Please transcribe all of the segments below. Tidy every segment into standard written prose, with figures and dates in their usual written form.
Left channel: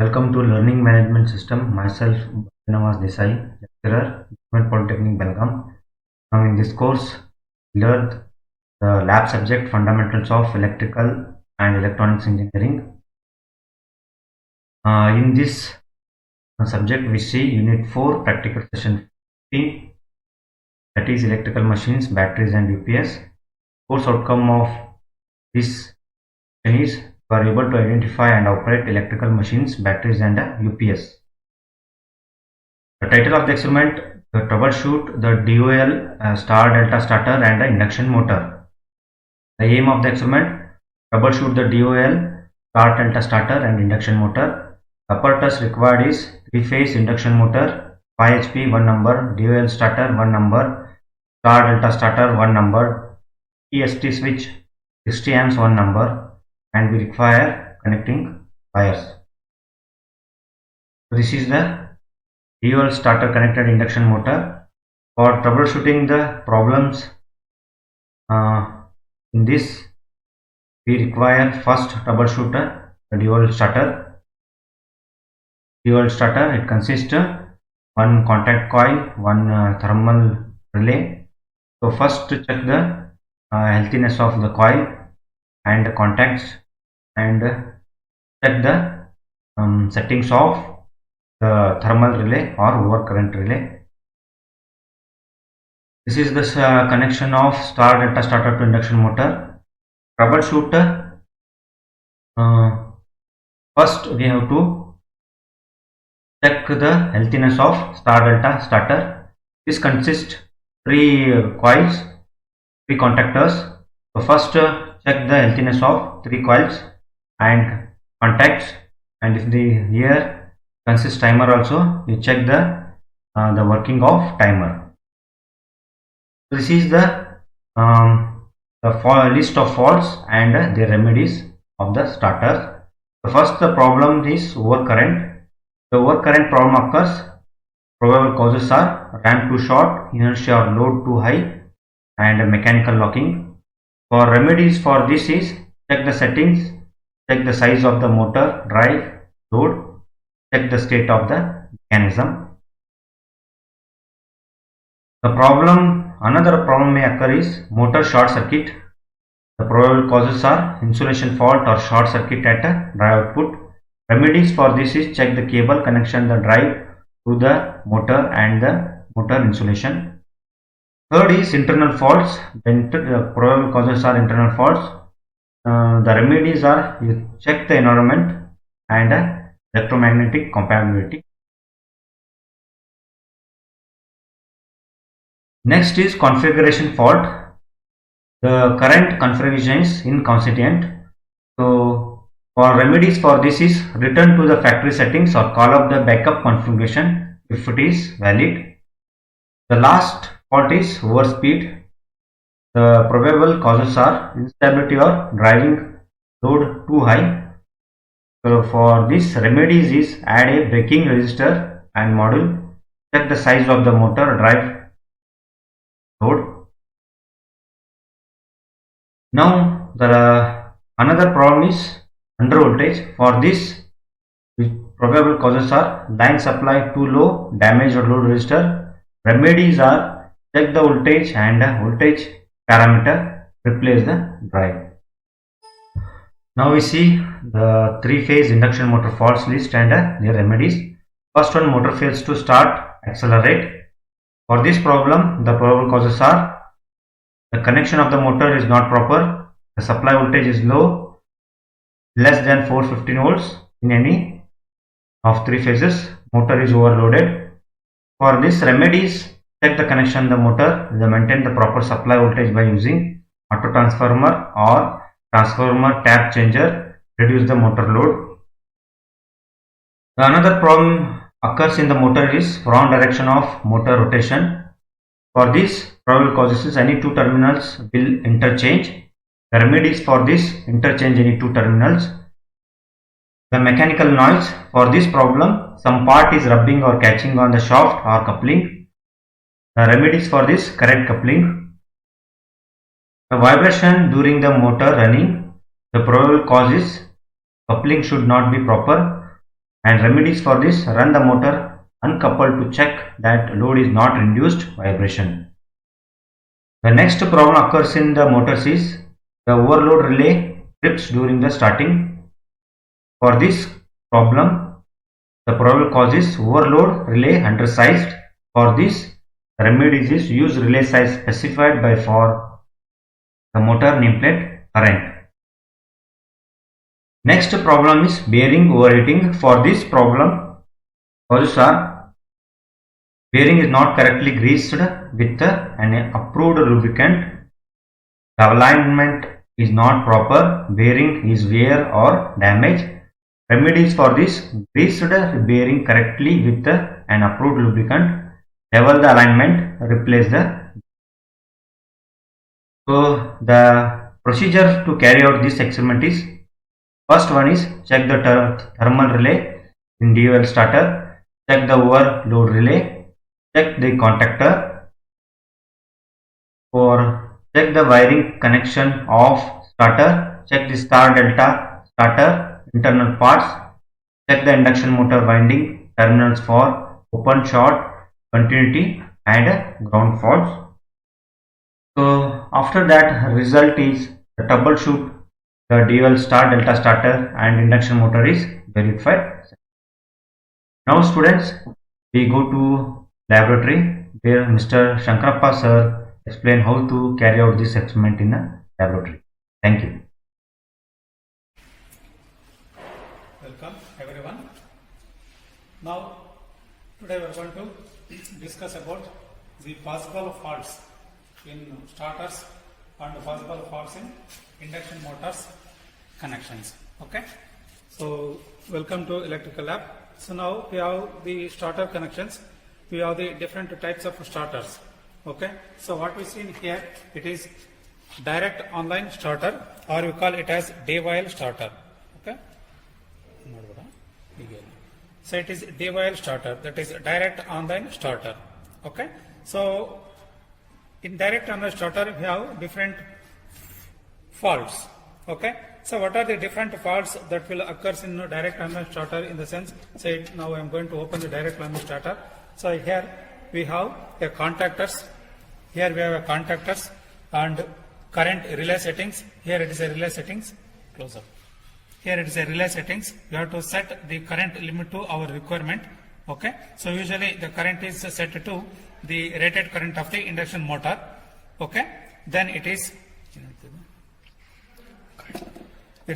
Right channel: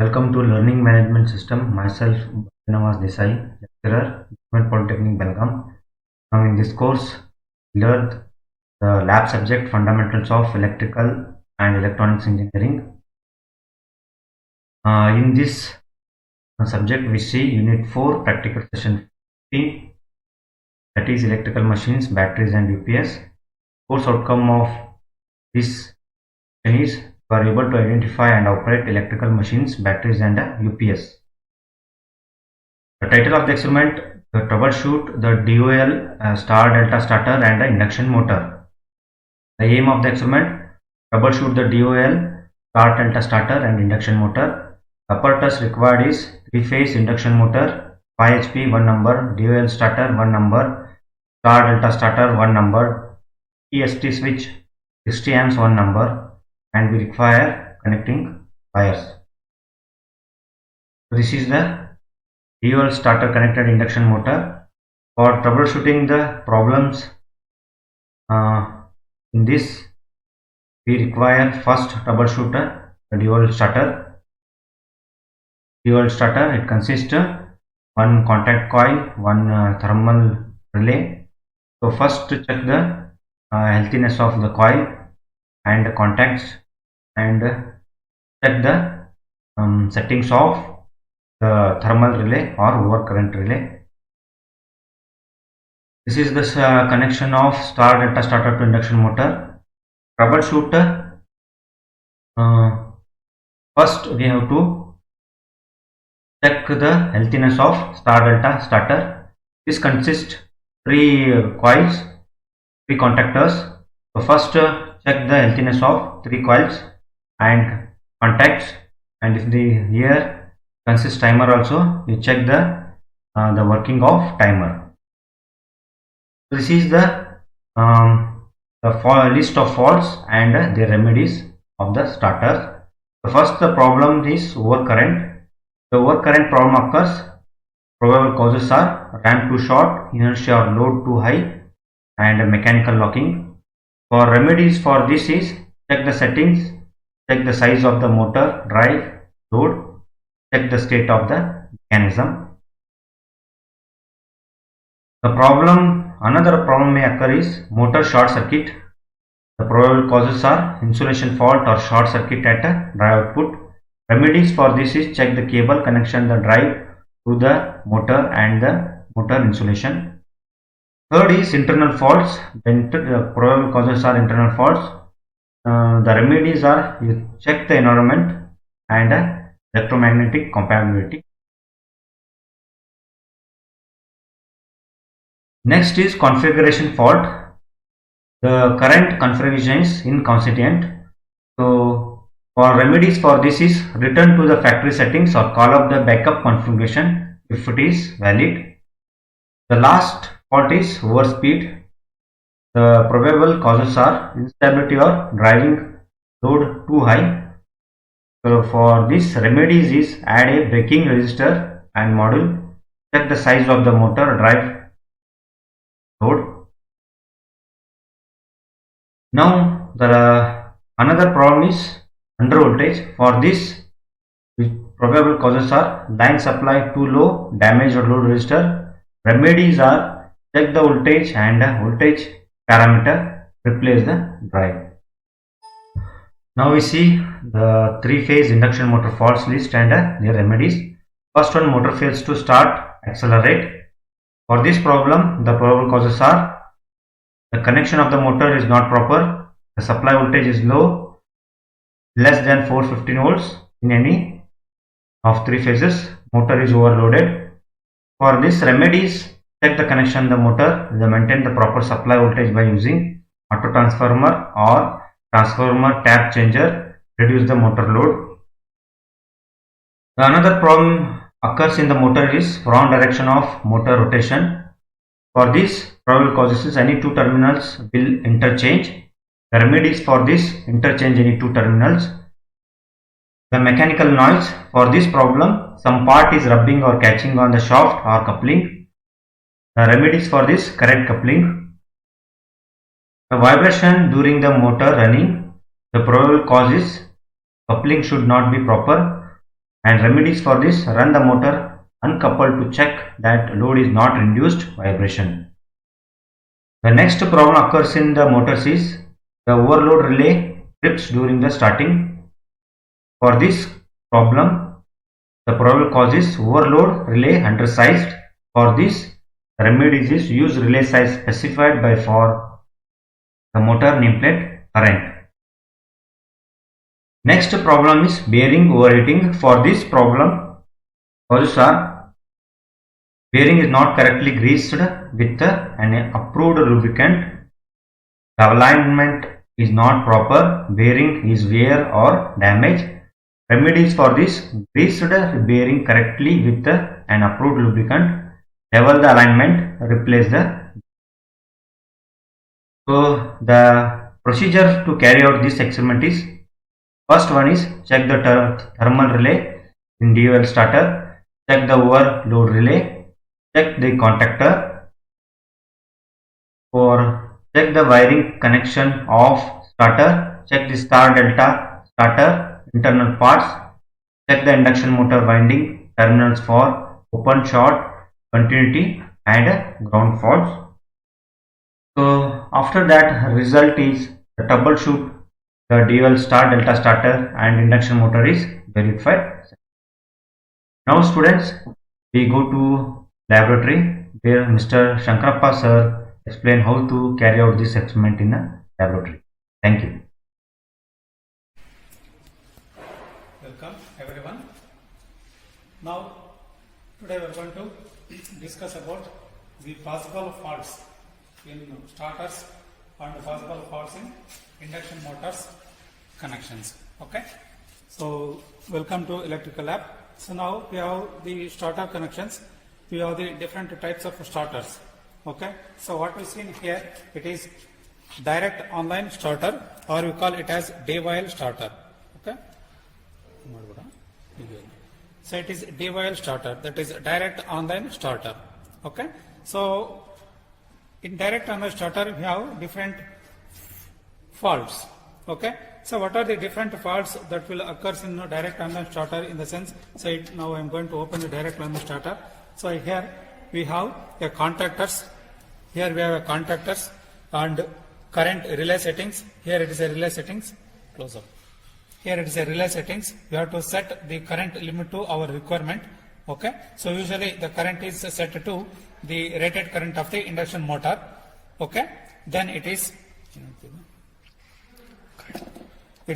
Welcome to Learning Management System. Myself, Nawaz Desai, lecturer, Government Polytechnic, Belgaum. Now, in this course, we learned the lab subject Fundamentals of Electrical and Electronics Engineering. In this subject, we see Unit 4, Practical Session 15, that is Electrical Machines, Batteries and UPS. Course outcome of this session is you are able to identify and operate electrical machines, batteries and UPS. The title of the experiment, troubleshoot the DOL star delta starter and induction motor. The aim of the experiment, troubleshoot the DOL star delta starter and induction motor. The apparatus required is 3-phase induction motor, 5 HP 1 number, DOL starter 1 number, star delta starter 1 number, EST switch 60 amps 1 number, and we require connecting wires. This is the DOL starter connected induction motor. For troubleshooting the problems in this, we require first troubleshooter, the DOL starter. DOL starter, it consists one contact coil, one thermal relay. So first check the healthiness of the coil and the contacts and check the settings of the thermal relay or overcurrent relay. This is the connection of star delta starter to induction motor. Troubleshoot. First we have to check the healthiness of star delta starter. This consists 3 coils, 3 contactors. So first check the healthiness of 3 coils and contacts, and if the here consists timer also, you check the working of timer. This is the list of faults and the remedies of the starters. The first problem is overcurrent. The overcurrent problem occurs. Probable causes are ramp too short, inertia or load too high, and mechanical locking. For remedies for this is check the settings, check the size of the motor, drive, load, check the state of the mechanism. Another problem may occur is motor short circuit. The probable causes are insulation fault or short circuit at a drive output. Remedies for this is check the cable connection, the drive to the motor and the motor insulation. Third is internal faults. The probable causes are internal faults. The remedies are you check the environment and electromagnetic compatibility. Next is configuration fault. The current configuration is inconsistent. So for remedies for this is return to the factory settings or call up the backup configuration if it is valid. The last fault is overspeed. The probable causes are instability or driving load too high. So for this, remedies is add a braking resistor and module, check the size of the motor, drive, load. Now another problem is under voltage. For this, probable causes are line supply too low, damage or load resistor. Remedies are check the voltage and voltage parameter, replace the drive. Now we see the 3-phase induction motor faults list and their remedies. First one, motor fails to start, accelerate. For this problem, the probable causes are the connection of the motor is not proper, the supply voltage is low, less than 415 volts in any of 3 phases, motor is overloaded. For this, remedies, check the connection of the motor, maintain the proper supply voltage by using auto transformer or transformer tap changer, reduce the motor load. Another problem occurs in the motor is wrong direction of motor rotation. For this, probable causes is any 2 terminals will interchange. The remedies for this, interchange any 2 terminals. The mechanical noise, for this problem, some part is rubbing or catching on the shaft or coupling. The remedies for this, correct coupling. The vibration during the motor running, the probable cause is coupling should not be proper. And remedies for this: run the motor uncoupled to check that load is not induced vibration. The next problem occurs in the motors is the overload relay trips during the starting. For this problem, the probable cause is overload relay undersized. For this, the remedy is use relay size specified by for the motor nameplate current. Next problem is bearing overheating. For this problem, causes are: bearing is not correctly greased with an approved lubricant, the alignment is not proper, bearing is wear or damage. Remedies for this: greased bearing correctly with an approved lubricant, level the alignment, replace the. So the procedure to carry out this experiment is: first one is check the thermal relay in DOL starter, check the overload relay, check the contactor, for check the wiring connection of starter, check the star delta starter internal parts, check the induction motor winding terminals for open, short, continuity and ground faults. So after that, result is the troubleshoot the dual star delta starter and induction motor is verified. Now students, we go to laboratory where Mr. Shankarappa sir explain how to carry out this experiment in a laboratory. Thank you. Welcome everyone. Now today we are going to discuss about the possible faults in starters and possible faults in induction motors connections. Okay, so welcome to electrical lab. So now we have the starter connections. We have the different types of starters. Okay, so what we see here, it is direct online starter, or we call it as DOL starter. Okay, so it is DOL starter, that is direct online starter. Okay, so in direct online starter we have different faults. Okay, so what are the different faults that will occur in direct online starter? In the sense, say now I am going to open the direct online starter. So here we have a contactors, here we have a contactors and current relay settings. Here it is a relay settings, close up. Here it is a relay settings. We have to set the current limit to our requirement. Okay, so usually the current is set to the rated current of the induction motor. Okay, then it's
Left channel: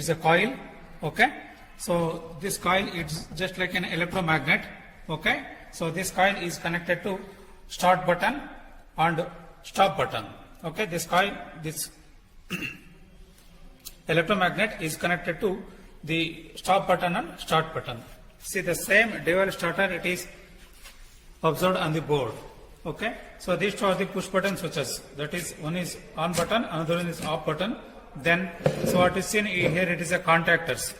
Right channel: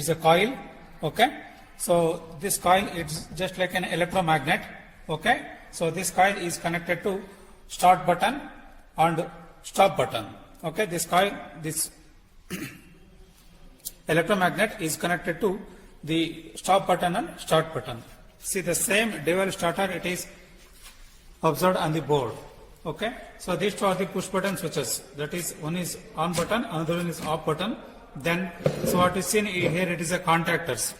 a coil. Okay, so this coil is just like an electromagnet. Okay, so this coil is connected to start button and stop button. Okay, this coil, this electromagnet is connected to the stop button and start button. See the same DOL starter, it is observed on the board. Okay, so these two are the push button switches. That is, one is on button, another one is off button. Then, so what is seen here, it is a contactors.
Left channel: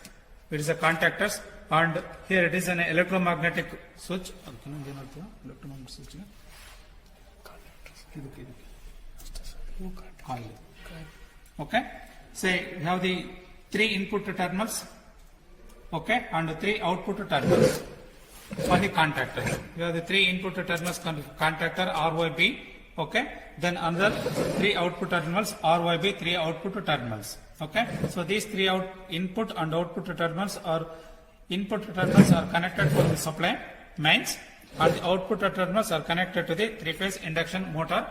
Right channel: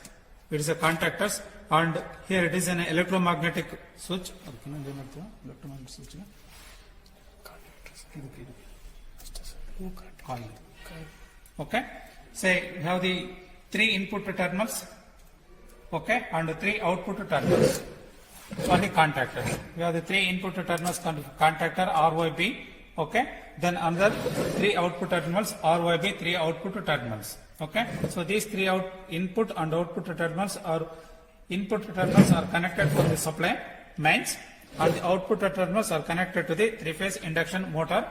It is a contactors, and here it is an electromagnetic switch. Okay, say we have the 3 input terminals. Okay, and 3 output terminals for the contactors. We have the 3 input terminals contactor RYB. Okay, then another 3 output terminals RYB, 3 output terminals. Okay, so these 3 input and output terminals are connected to the supply mains, and the output terminals are connected to the 3-phase induction motor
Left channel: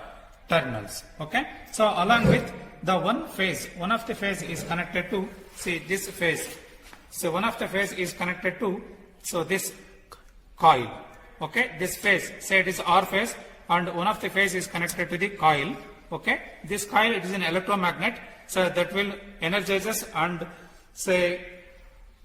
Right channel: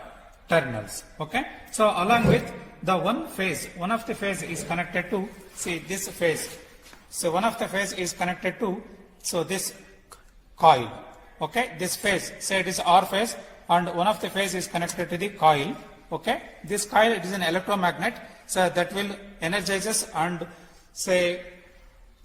terminals. Okay, so along with the one of the phase is connected to, see this phase. So one of the phase is connected to, so this coil. Okay, this phase, say it is R phase, and one of the phase is connected to the coil. Okay, this coil, it is an electromagnet, so that will energizes and say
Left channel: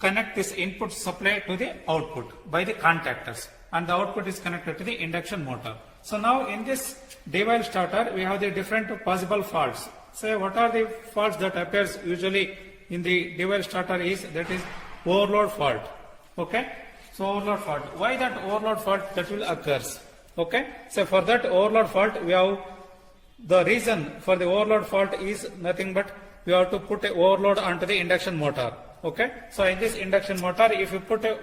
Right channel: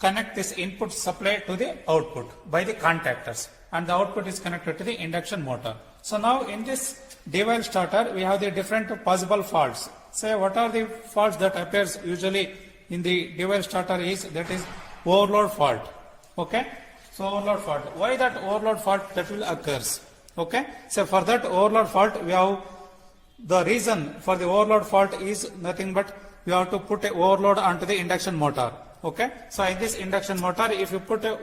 connect this input supply to the output by the contactors, and the output is connected to the induction motor. So now in this DOL starter, we have the different possible faults. Say what are the faults that occurs usually in the DOL starter is, that is overload fault. Okay, so overload fault. Why that overload fault that will occurs? Okay, so for that overload fault, we have the reason for the overload fault is nothing but we have to put a overload onto the induction motor. Okay, so in this induction motor, if you put a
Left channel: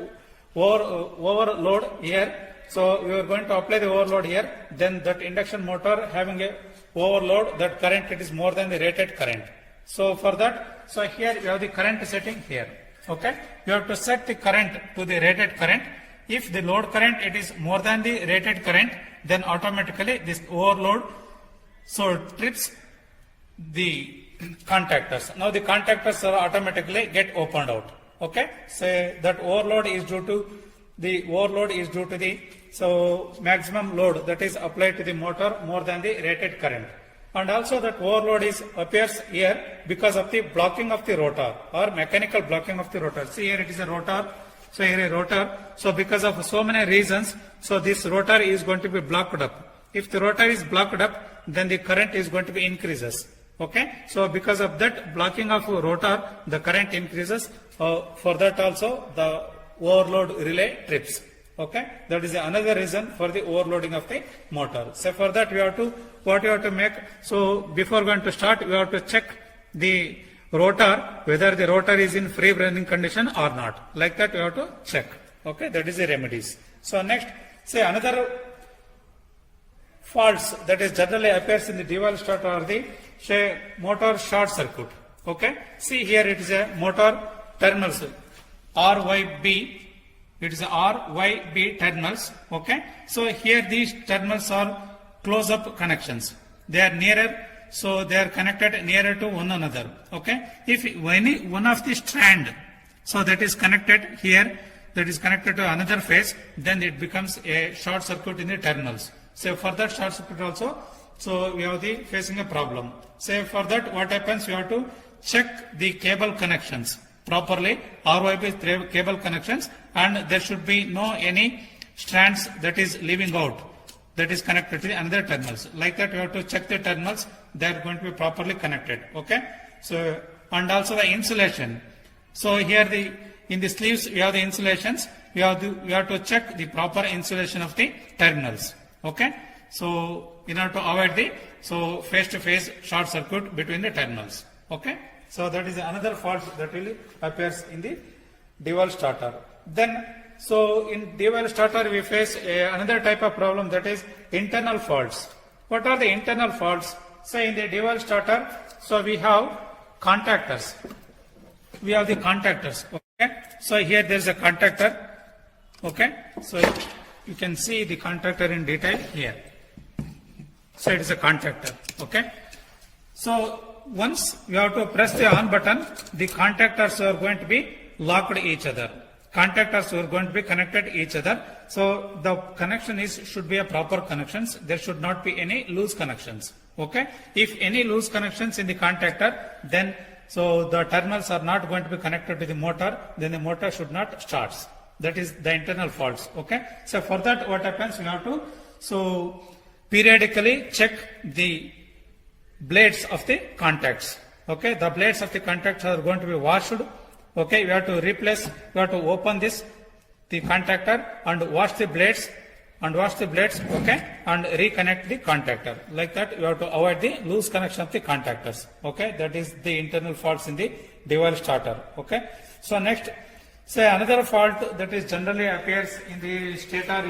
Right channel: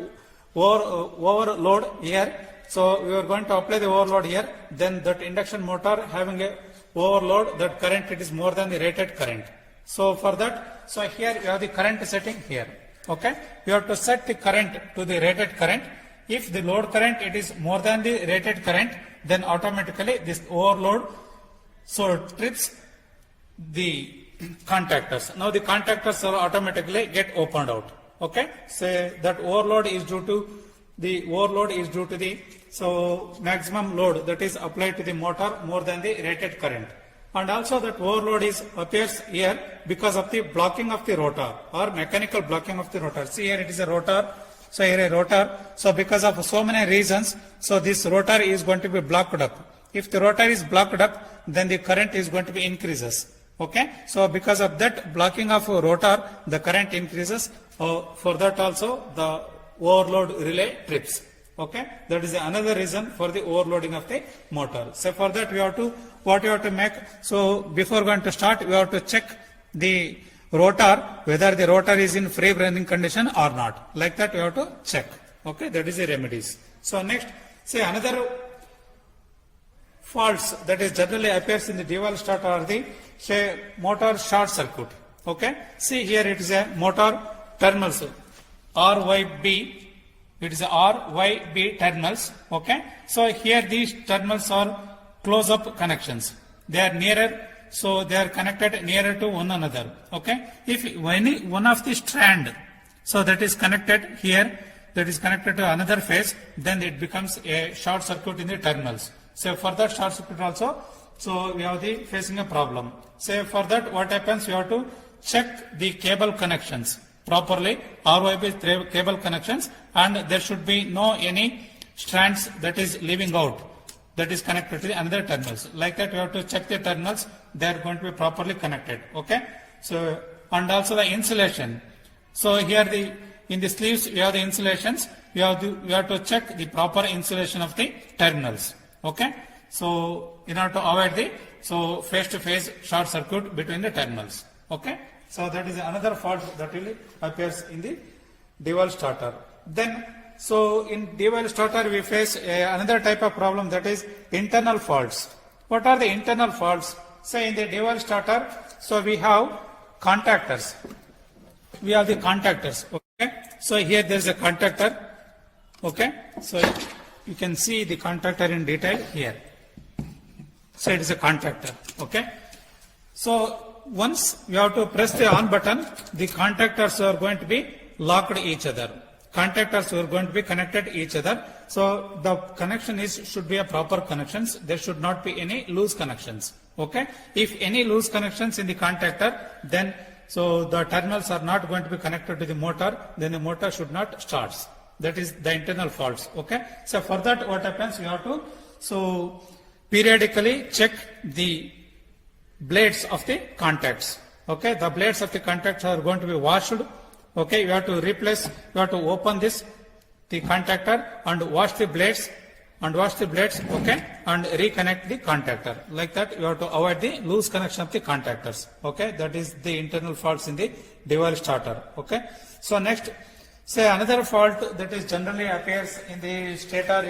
overload here. So we are going to apply the overload here. Then that induction motor having a overload, that current it is more than the rated current. So for that, so here you have the current setting here. Okay, you have to set the current to the rated current. If the load current it is more than the rated current, then automatically this overload so trips the contactors. Now the contactors will automatically get opened out. Okay, so that overload is due to the so maximum load that is applied to the motor more than the rated current. And also that overload appears here because of the blocking of the rotor or mechanical blocking of the rotor. See here it is a rotor. So here a rotor. So because of so many reasons, so this rotor is going to be blocked up. If the rotor is blocked up, then the current is going to be increases. Okay. So because of that blocking of rotor, the current increases. For that also the overload relay trips. Okay, that is another reason for the overloading of the motor. So for that we have to make. So before going to start, we have to check the rotor whether the rotor is in free running condition or not. Like that we have to check. Okay, that is the remedies. So next, say another faults that is generally appears in the dual starter are the say motor short circuit. Okay, see here it is a motor terminals RYB. It is RYB terminals. Okay, so here these terminals are close-up connections. They are nearer, so they are connected nearer to one another. Okay, if any one of the strand, so that is connected here, that is connected to another phase, then it becomes a short circuit in the terminals. So for that short circuit also, so we have the facing a problem. So for that, what happens? We have to check the cable connections properly, RYB cable connections, and there should be no any strands that is leaving out, that is connected to the another terminals. Like that, you have to check the terminals; they are going to be properly connected. Okay. So and also the insulation. So here in the sleeves we have the insulations. We have to check the proper insulation of the terminals. Okay. So in order to avoid the face-to-face short circuit between the terminals. Okay. So that is another fault that really appears in the dual starter. Then, so in dual starter we face another type of problem, that is internal faults. What are the internal faults? Say in the dual starter, so we have contactors. We have the contactors. Okay. So here there is a contactor. Okay. So you can see the contactor in detail here. So it is a contactor. Okay. So once we have to press the on button, the contactors are going to be locked each other. Contactors are going to be connected each other. So the connection should be a proper connections. There should not be any loose connections. Okay. If any loose connections in the contactor, then so the terminals are not going to be connected to the motor, then the motor should not start. That is the internal faults. Okay. So for that, what happens? We have to periodically check the blades of the contacts. Okay, the blades of the contacts are going to be washed. Okay, we have to replace, we have to open the contactor and wash the blades, okay, and reconnect the contactor. Like that, you have to avoid the loose connection of the contactors. Okay, that is the internal faults in the dual starter. Okay, so next, say another fault that is generally appears in the stator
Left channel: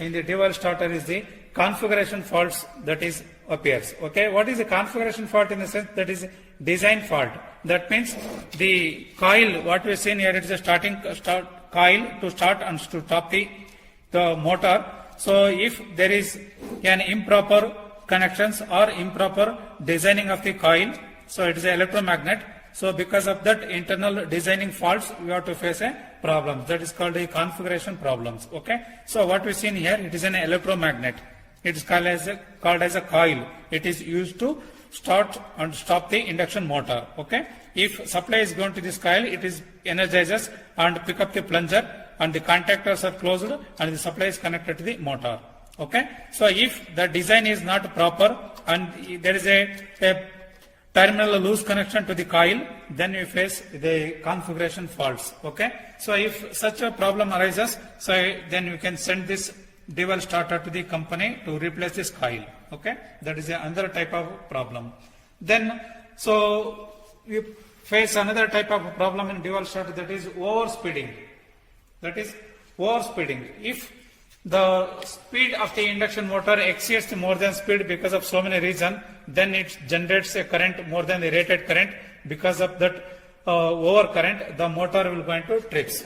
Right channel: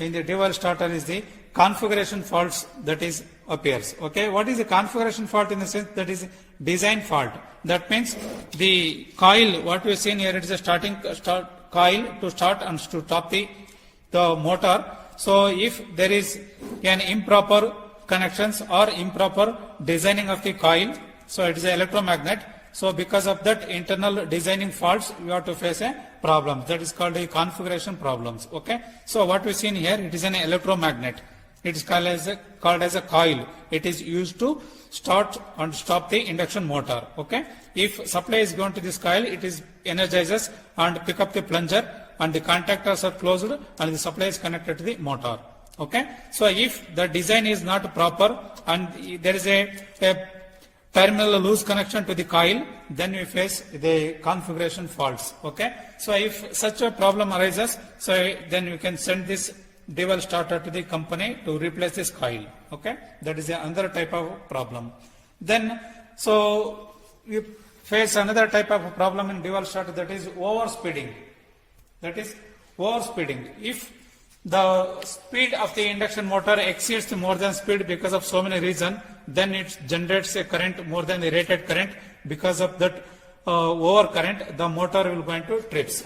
in the dual starter is the configuration faults that is appears. Okay, what is the configuration fault? In the sense that is design fault. That means the coil, what we have seen here, it is a coil to start and to stop the motor. So if there is an improper connections or improper designing of the coil, so it is an electromagnet. So because of that internal designing faults, we have to face a problem. That is called a configuration problems. Okay. So what we seen here, it is an electromagnet. It is called as a coil. It is used to start and stop the induction motor. Okay. If supply is going to this coil, it is energizes and pick up the plunger, and the contactors are closed and the supply is connected to the motor. Okay. So if the design is not proper and there is a terminal loose connection to the coil, then we face the configuration faults. Okay. So if such a problem arises, so then you can send this dual starter to the company to replace this coil. Okay. That is another type of problem. Then, so you face another type of problem in dual starter, that is overspeeding. That is overspeeding. If the speed of the induction motor exceeds more than speed because of so many reasons, then it generates a current more than the rated current. Because of that over current, the motor will go into trips.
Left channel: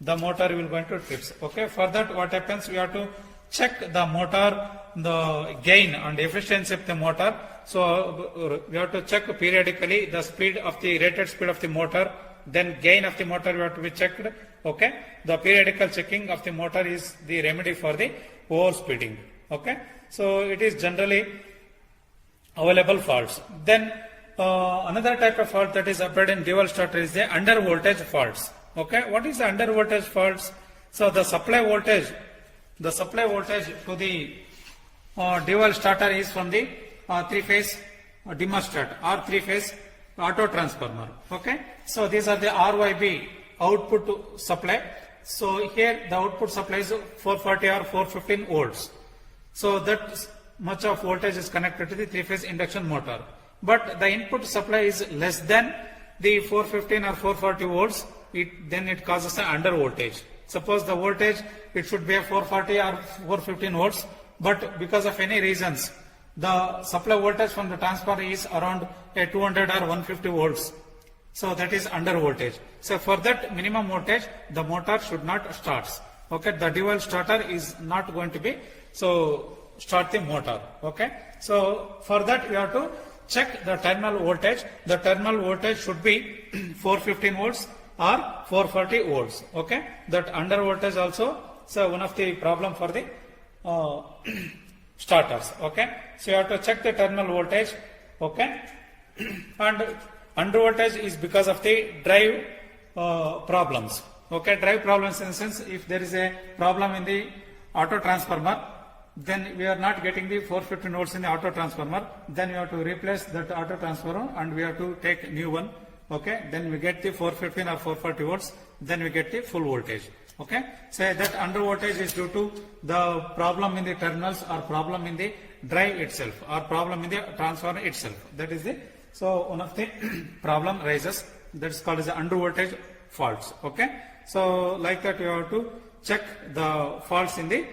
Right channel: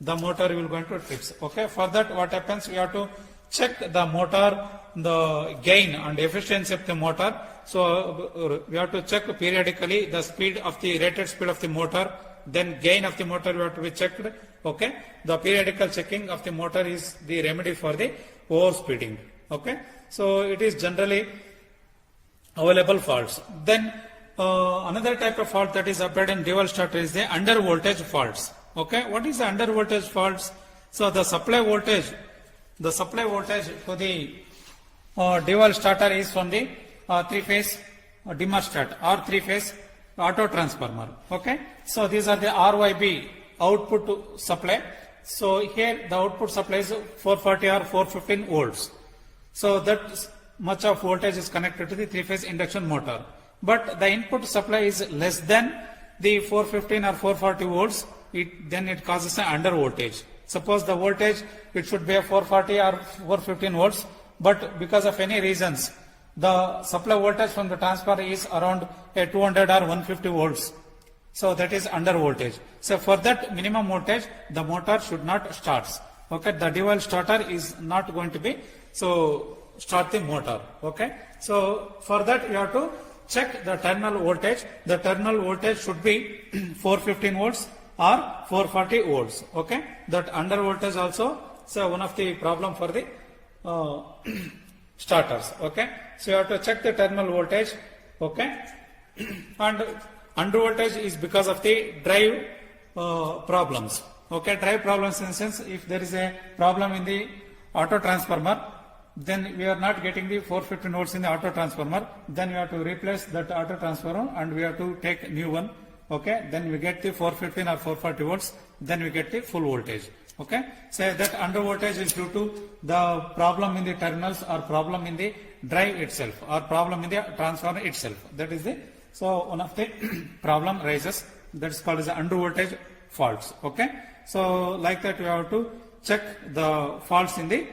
The motor will go into trips. Okay. For that, what happens? We have to check the motor, the gain and efficiency of the motor. So we have to check periodically the speed of the rated speed of the motor. Then gain of the motor we have to be checked. Okay. The periodical checking of the motor is the remedy for the overspeeding. Okay. So it is generally available faults. Then another type of fault that is appeared in dual starter is the under voltage faults. Okay. What is the under voltage faults? So the supply voltage to the dual starter is from the three-phase thermostat or three-phase auto transformer. Okay. So these are the RYB output supply. So here the output supply is 440 or 415 volts. So that much of voltage is connected to the three-phase induction motor. But the input supply is less than the 415 or 440 volts. Then it causes an under voltage. Suppose the voltage it should be a 440 or 415 volts, but because of any reasons the supply voltage from the transformer is around a 200 or 150 volts. So that is under voltage. So for that minimum voltage, the motor should not start. Okay, the dual starter is not going to be so start the motor. Okay, so for that you have to check the terminal voltage. The terminal voltage should be 415 volts or 440 volts. Okay, that under voltage also. So one of the problem for the starters. Okay, so you have to check the terminal voltage. Okay, and under voltage is because of the drive problems. Okay, drive problems in the sense if there is a problem in the auto transformer, then we are not getting the 415 volts in the auto transformer, then you have to replace that auto transformer and we have to take new one. Okay, then we get the 415 or 440 volts, then we get the full voltage. Okay, say that under voltage is due to the problem in the terminals or problem in the drive itself or problem in the transformer itself. That is the, so one of the problem rises, that is called as the under voltage faults. Okay, so like that you have to check the faults in the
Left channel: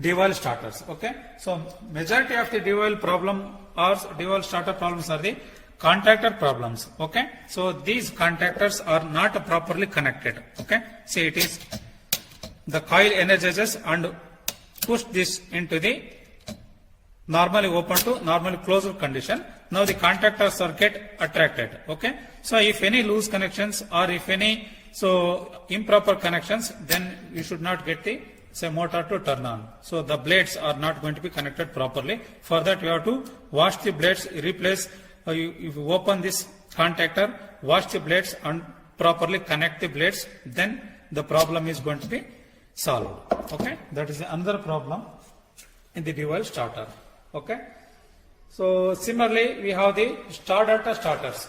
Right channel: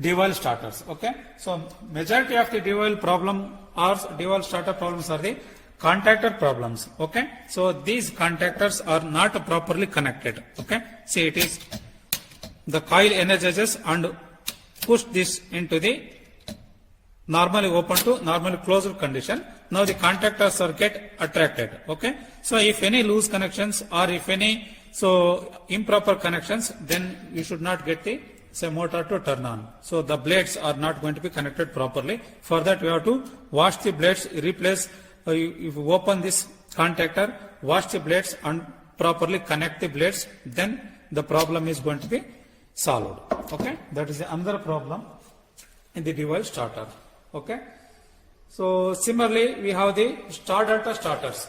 dual starters. Okay, so majority of the dual problem or dual starter problems are the contactor problems. Okay, so these contactors are not properly connected. Okay, see it is the coil energizes and push this into the normally open to normally closed condition. Now the contactors are get attracted. Okay, so if any loose connections or if any so improper connections, then we should not get the say motor to turn on. So the blades are not going to be connected properly. For that we have to wash the blades, replace. If you open this contactor, wash the blades and properly connect the blades, then the problem is going to be solved. Okay, that is another problem in the dual starter. Okay, so similarly we have the star delta starters.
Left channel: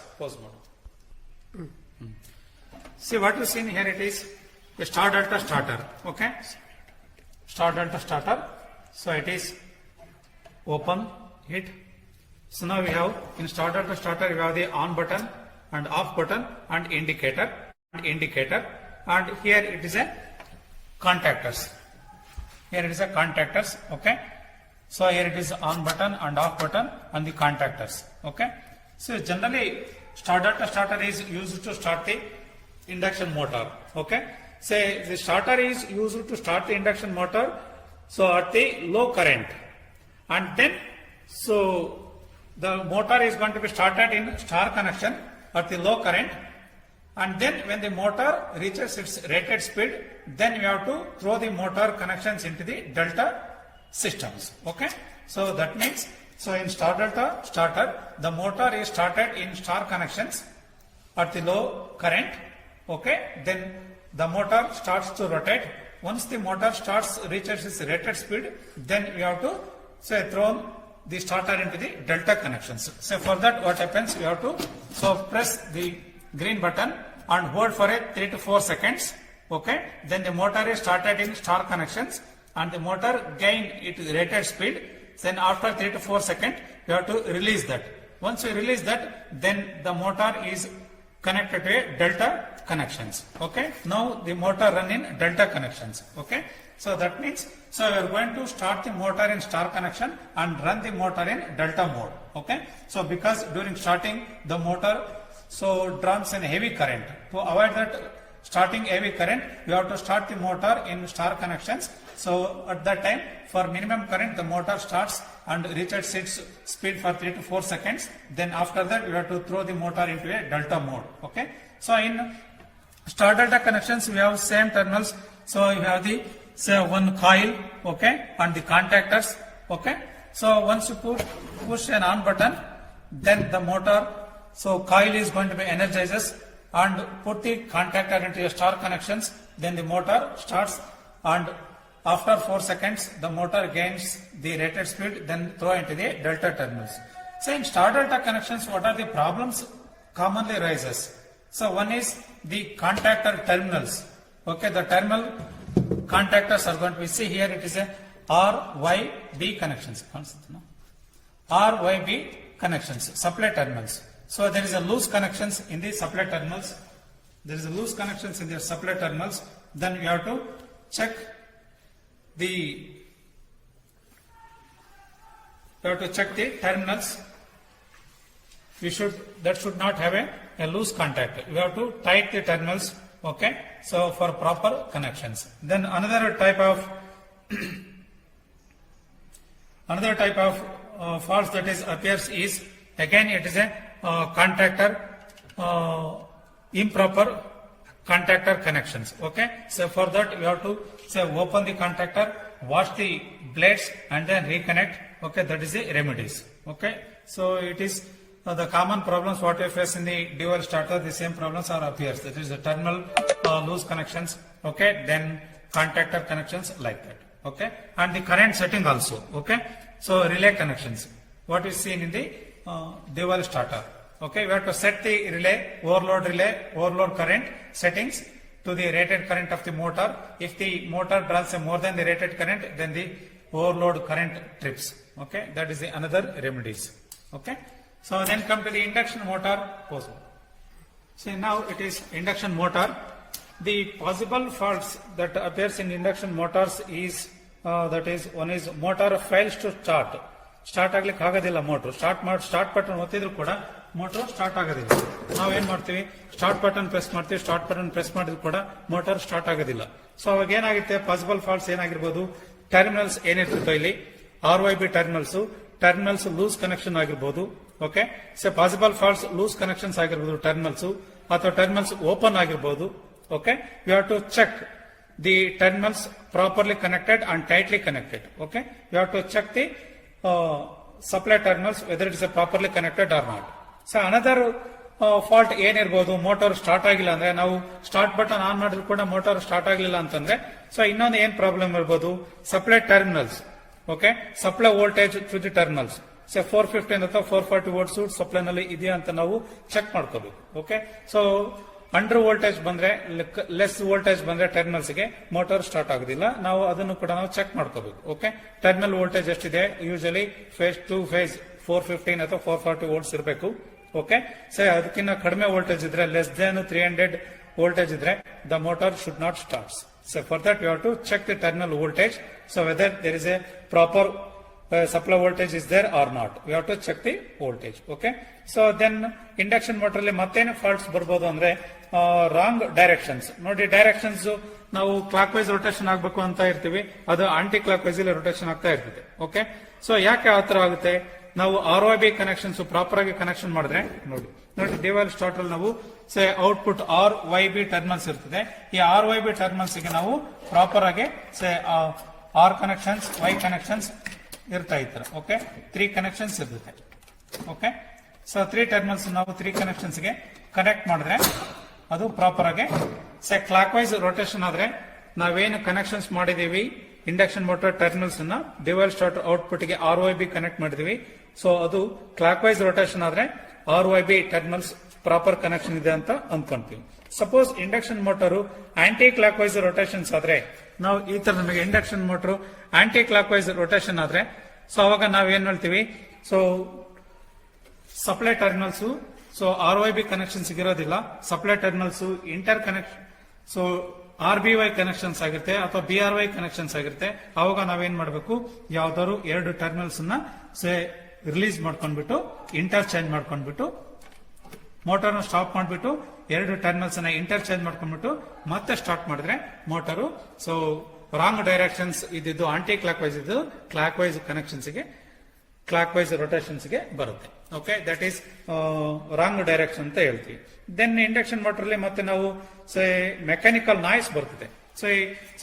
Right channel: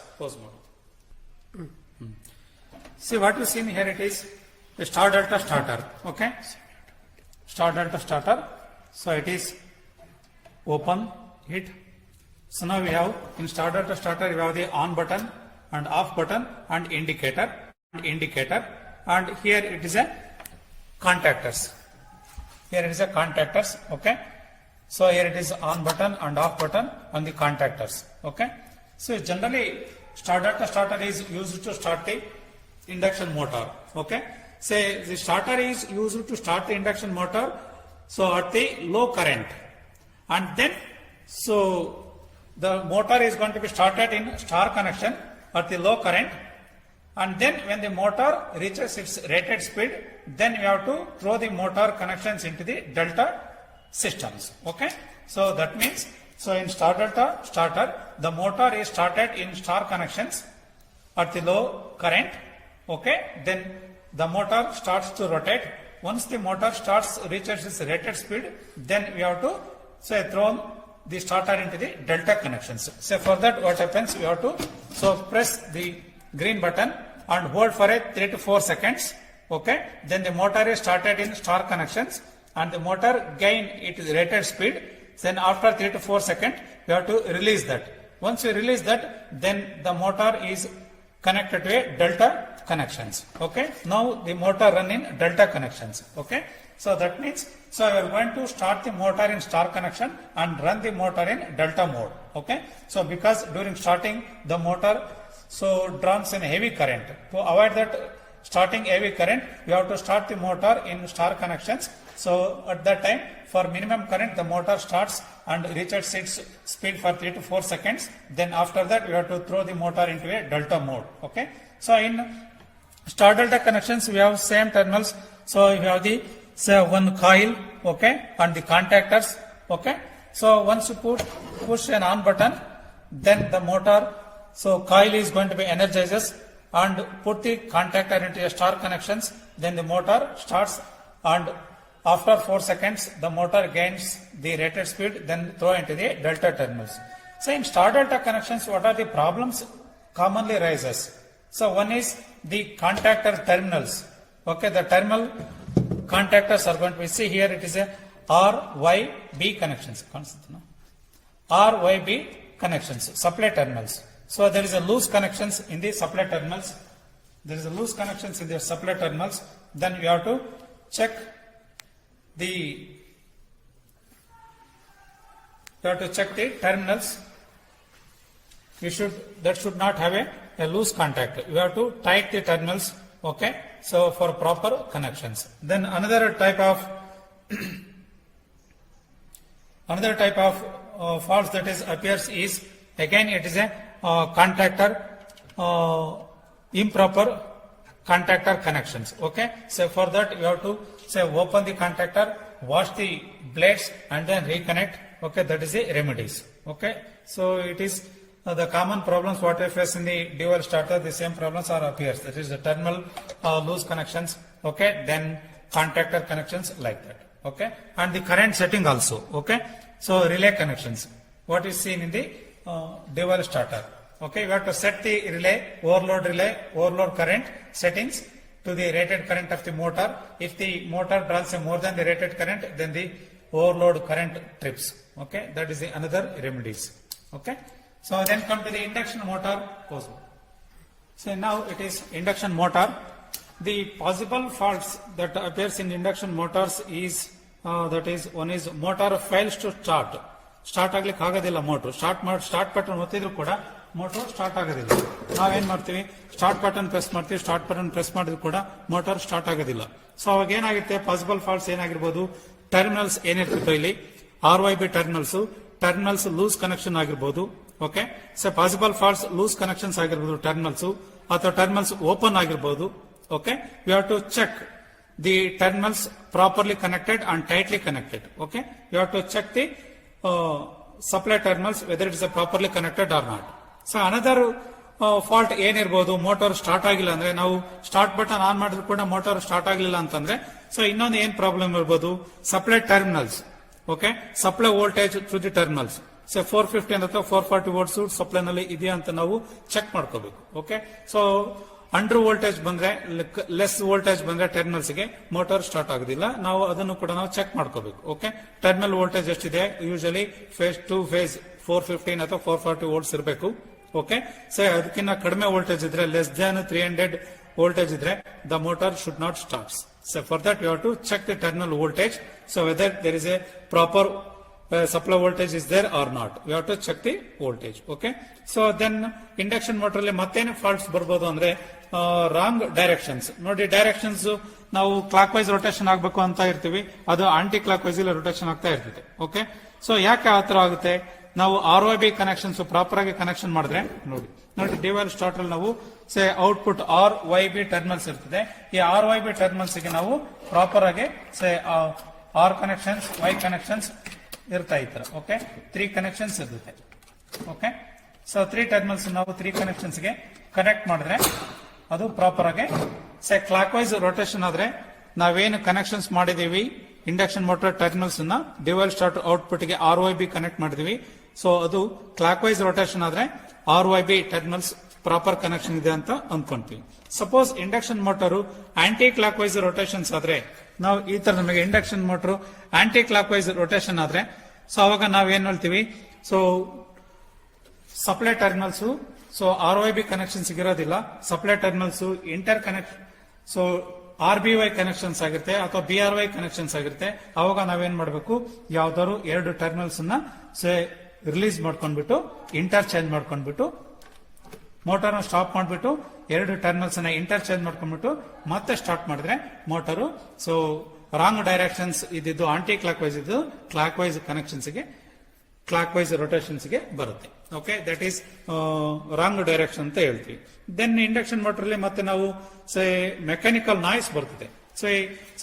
See what you see here, it is a star delta starter. Okay, star delta starter. So it is open, hit. So now we have in star delta starter we have the on button and off button and indicator and here it is a contactors. Here it is a contactors. Okay, so here it is on button and off button and the contactors. Okay, so generally star delta starter is used to start the induction motor. Okay, say the starter is used to start the induction motor so at the low current, and then so the motor is going to be started in star connection at the low current, and then when the motor reaches its rated speed, then you have to throw the motor connections into the delta systems. Okay, so that means so in star delta starter the motor is started in star connections at the low current. Okay, then the motor starts to rotate. Once the motor reaches its rated speed, then we have to say throw the starter into the delta connections. So for that what happens, you have to so press the green button and hold for a 3 to 4 seconds. Okay, then the motor is started in star connections and the motor gain its rated speed. Then after 3 to 4 seconds you have to release that. Once you release that, then the motor is connected to a delta connections. Okay, now the motor run in delta connections. Okay, so that means, so you are going to start the motor in star connection and run the motor in delta mode. Okay, so because during starting the motor so draws in heavy current, to avoid that starting heavy current, you have to start the motor in star connections. So at that time, for minimum current, the motor starts and reaches its speed for 3 to 4 seconds. Then after that, you have to throw the motor into a delta mode. Okay. So in star delta connections, we have same terminals. So you have the one coil, okay, and the contactors. Okay. So once you push an on button, then the motor, so coil is going to be energizes and put the contactor into a star connections. Then the motor starts, and after 4 seconds, the motor gains the rated speed, then throw into the delta terminals. So in star delta connections, what are the problems commonly rises? So one is the contactor terminals. Okay, the terminal contactors are going to be, see here it is a RYB connections. RYB connections, supply terminals. So there is a loose connections in the supply terminals. There is a loose connections in the supply terminals. Then you have to check the terminals. That should not have a loose contact. You have to tight the terminals. Okay, so for proper connections. Then another type of faults that is appears is, again it is a contactor improper contactor connections. Okay, so for that you have to say open the contactor, wash the blades, and then reconnect. Okay, that is the remedies. Okay, so it is the common problems what we face in the dual starter. The same problems are appears. That is the terminal loose connections. Okay, then contactor connections like that. Okay, and the current setting also. Okay, so relay connections. What is seen in the dual starter. Okay, we have to set the relay, overload current settings to the rated current of the motor. If the motor draws more than the rated current, then the overload current trips. Okay, that is the another remedies. Okay, so then come to the induction motor. So now it is induction motor. The possible faults that appears in induction motors is that is, one is motor fails to start. Start ಆಗ್ಲಿಕ್ಕೆ ಆಗೋದಿಲ್ಲ motor. Start button ಒತ್ತಿದ್ರು ಕೂಡ motor start ಆಗೋದಿಲ್ಲ. ನಾವೇನ್ ಮಾಡ್ತೀವಿ, start button press ಮಾಡ್ತೀವಿ. Start button press ಮಾಡಿದ್ರು ಕೂಡ motor start ಆಗೋದಿಲ್ಲ. ಸೊ ಅವಾಗ ಏನಾಗುತ್ತೆ, ಪಾಸಿಬಲ್ ಫಾಲ್ಟ್ಸ್ ಏನಾಗಿರ್ಬೋದು, ಟರ್ಮಿನಲ್ಸ್ ಏನಿರ್ತಿತ್ತು ಇಲ್ಲಿ RYB ಟರ್ಮಿನಲ್ಸ್ ಲೂಸ್ ಕನೆಕ್ಷನ್ ಆಗಿರ್ಬೋದು. Okay, so possible faults loose connections ಆಗಿರ್ಬೋದು ಟರ್ಮಿನಲ್ಸ್, ಅಥವಾ ಟರ್ಮಿನಲ್ಸ್ ಓಪನ್ ಆಗಿರ್ಬೋದು. Okay, we have to check the terminals properly connected and tightly connected. Okay, we have to check the supply terminals whether it is properly connected or not. So another fault ಏನಿರ್ಬೋದು, motor start ಆಗಿಲ್ಲ ಅಂದ್ರೆ, ನಾವು start button on ಮಾಡಿದ್ರು ಕೂಡ motor start ಆಗಿಲ್ಲ ಅಂತಂದ್ರೆ, so ಇನ್ನೊಂದು ಏನ್ ಪ್ರಾಬ್ಲಮ್ ಇರ್ಬೋದು, supply terminals. Okay, supply voltage to the terminals. So 450 ಅಥವಾ 440 ವೋಲ್ಟ್ಸ್ ಸಪ್ಲೈ ನಲ್ಲಿ ಇದೆಯಾ ಅಂತ ನಾವು ಚೆಕ್ ಮಾಡ್ಕೋಬೇಕು. ಓಕೆ, ಸೊ ಅಂಡರ್ ವೋಲ್ಟೇಜ್ ಬಂದ್ರೆ, ಲೆಸ್ ವೋಲ್ಟೇಜ್ ಬಂದ್ರೆ ಟರ್ಮಿನಲ್ಸ್ ಗೆ ಮೋಟಾರ್ ಸ್ಟಾರ್ಟ್ ಆಗೋದಿಲ್ಲ. ನಾವು ಅದನ್ನು ಕೂಡ ನಾವು ಚೆಕ್ ಮಾಡ್ಕೋಬೇಕು. ಓಕೆ, ಟರ್ಮಿನಲ್ ವೋಲ್ಟೇಜ್ ಎಷ್ಟಿದೆ, ಯೂಶಲಿ ಫೇಸ್ ಟು ಫೇಸ್ 415 ಅಥವಾ 440 ವೋಲ್ಟ್ಸ್ ಇರಬೇಕು. ಓಕೆ, ಸೊ ಅದಕ್ಕಿಂತ ಕಡಿಮೆ ವೋಲ್ಟೇಜ್ ಇದ್ರೆ, ಲೆಸ್ ದನ್ 300 ವೋಲ್ಟೇಜ್ ಇದ್ರೆ, the motor should not start. So for that you have to check the terminal voltage. So whether there is a proper supply voltage is there or not, you have to check the voltage. Okay, so then induction motor ಅಲ್ಲಿ ಮತ್ತೇನು faults ಬರ್ಬೋದು ಅಂದ್ರೆ, wrong directions. ನೋಡಿ, directions ನಾವು clock wise rotation ಆಗ್ಬೇಕು ಅಂತ ಇರ್ತೀವಿ, ಅದು ಆಂಟಿ ಕ್ಲಾಕ್ ವೈಸ್ ಅಲ್ಲಿ ರೊಟೇಷನ್ ಆಗ್ತಾ ಇರ್ತದೆ. ಓಕೆ, ಸೊ ಯಾಕೆ ಆತರ ಆಗುತ್ತೆ, ನಾವು RYB ಕನೆಕ್ಷನ್ಸ್ ಪ್ರಾಪರ್ ಆಗಿ ಕನೆಕ್ಷನ್ ಮಾಡಿದ್ರೆ, ನೋಡಿ ಡಿವೈಲ್ ಸ್ಟಾರ್ಟರ್ ನಾವು ಔಟ್ಪುಟ್ RYB ಟರ್ಮಿನಲ್ಸ್ ಇರ್ತದೆ. ಈ RYB ಟರ್ಮಿನಲ್ಸ್ ಗೆ ನಾವು ಪ್ರಾಪರ್ ಆಗಿ R ಕನೆಕ್ಷನ್ಸ್, Y ಕನೆಕ್ಷನ್ಸ್ ಇರ್ತಾ ಇರ್ತಾರೆ. ಓಕೆ, 3 ಕನೆಕ್ಷನ್ಸ್ ಇರುತ್ತೆ. ಓಕೆ, ಸೊ 3 ಟರ್ಮಿನಲ್ಸ್ ನಾವು 3 ಕನೆಕ್ಷನ್ಸ್ ಗೆ ಕನೆಕ್ಟ್ ಮಾಡಿದ್ರೆ ಅದು ಪ್ರಾಪರ್ ಆಗಿ ಕ್ಲಾಕ್ ವೈಸ್ ರೊಟೇಷನ್ ಆದ್ರೆ, ನಾವೇನು ಕನೆಕ್ಷನ್ಸ್ ಮಾಡಿದೀವಿ ಇಂಡಕ್ಷನ್ ಮೋಟರ್ ಟರ್ಮಿನಲ್ಸ್ ನ ಡಿವೈಲ್ ಸ್ಟಾರ್ಟರ್ ಔಟ್ಪುಟ್ ಗೆ RYB ಕನೆಕ್ಟ್ ಮಾಡಿದೀವಿ. ಸೊ ಅದು ಕ್ಲಾಕ್ ವೈಸ್ ರೊಟೇಷನ್ ಆದ್ರೆ RYB ಟರ್ಮಿನಲ್ಸ್ ಪ್ರಾಪರ್ ಕನೆಕ್ಷನ್ ಇದೆ ಅಂತ ಅಂದ್ಕೊಂತೀವಿ. Suppose induction motor anti clockwise rotations ಆದ್ರೆ, ನಾವು ಈ ತರ ನಮಗೆ induction motor anti clockwise rotation ಆದ್ರೆ, ಸೊ ಅವಾಗ ನಾವ್ ಏನ್ ಹೇಳ್ತೀವಿ, so supply terminals so ROIB connection ಸಿಗಿರೋದಿಲ್ಲ, supply terminals interconnect, so RBY connections ಆಗಿರುತ್ತೆ ಅಥವಾ BRY ಕನೆಕ್ಷನ್ಸ್ ಆಗಿರುತ್ತೆ. ಅವಾಗ ನಾವೇನ್ ಮಾಡಬೇಕು, ಯಾವ್ದಾದ್ರು 2 ಟರ್ಮಿನಲ್ಸ್ ನ ರಿಲೀಸ್ ಮಾಡ್ಕೊಂಡ್ಬಿಟ್ಟು ಇಂಟರ್ಚೇಂಜ್ ಮಾಡ್ಕೊಂಡ್ಬಿಟ್ಟು ಮೋಟಾರ್ ಸ್ಟಾಪ್ ಮಾಡ್ಬಿಟ್ಟು 2 ಟರ್ಮಿನಲ್ಸ್ ನ ಇಂಟರ್ಚೇಂಜ್ ಮಾಡ್ಕೊಂಡ್ಬಿಟ್ಟು ಮತ್ತೆ ಸ್ಟಾರ್ಟ್ ಮಾಡಿದ್ರೆ ಮೋಟಾರು ಸೊ ರಾಂಗ್ ಡೈರೆಕ್ಷನ್ಸ್ ಇದ್ದು ಆಂಟಿ ಕ್ಲಾಕ್ ವೈಸ್ ಇದು ಕ್ಲಾಕ್ ವೈಸ್ ಕನೆಕ್ಷನ್ಸ್ ಗೆ ಕ್ಲಾಕ್ ವೈಸ್ ರೊಟೇಷನ್ಸ್ ಗೆ ಬರುತ್ತೆ. Okay, that is wrong direction ಅಂತ ಹೇಳ್ತೀವಿ. ದೆನ್ ಇಂಡಕ್ಷನ್ ಮೋಟರ್ ಅಲ್ಲಿ ಮತ್ತೆ ನಾವು ಮೆಕ್ಯಾನಿಕಲ್ ನಾಯ್ಸ್ ಬರ್ತದೆ. So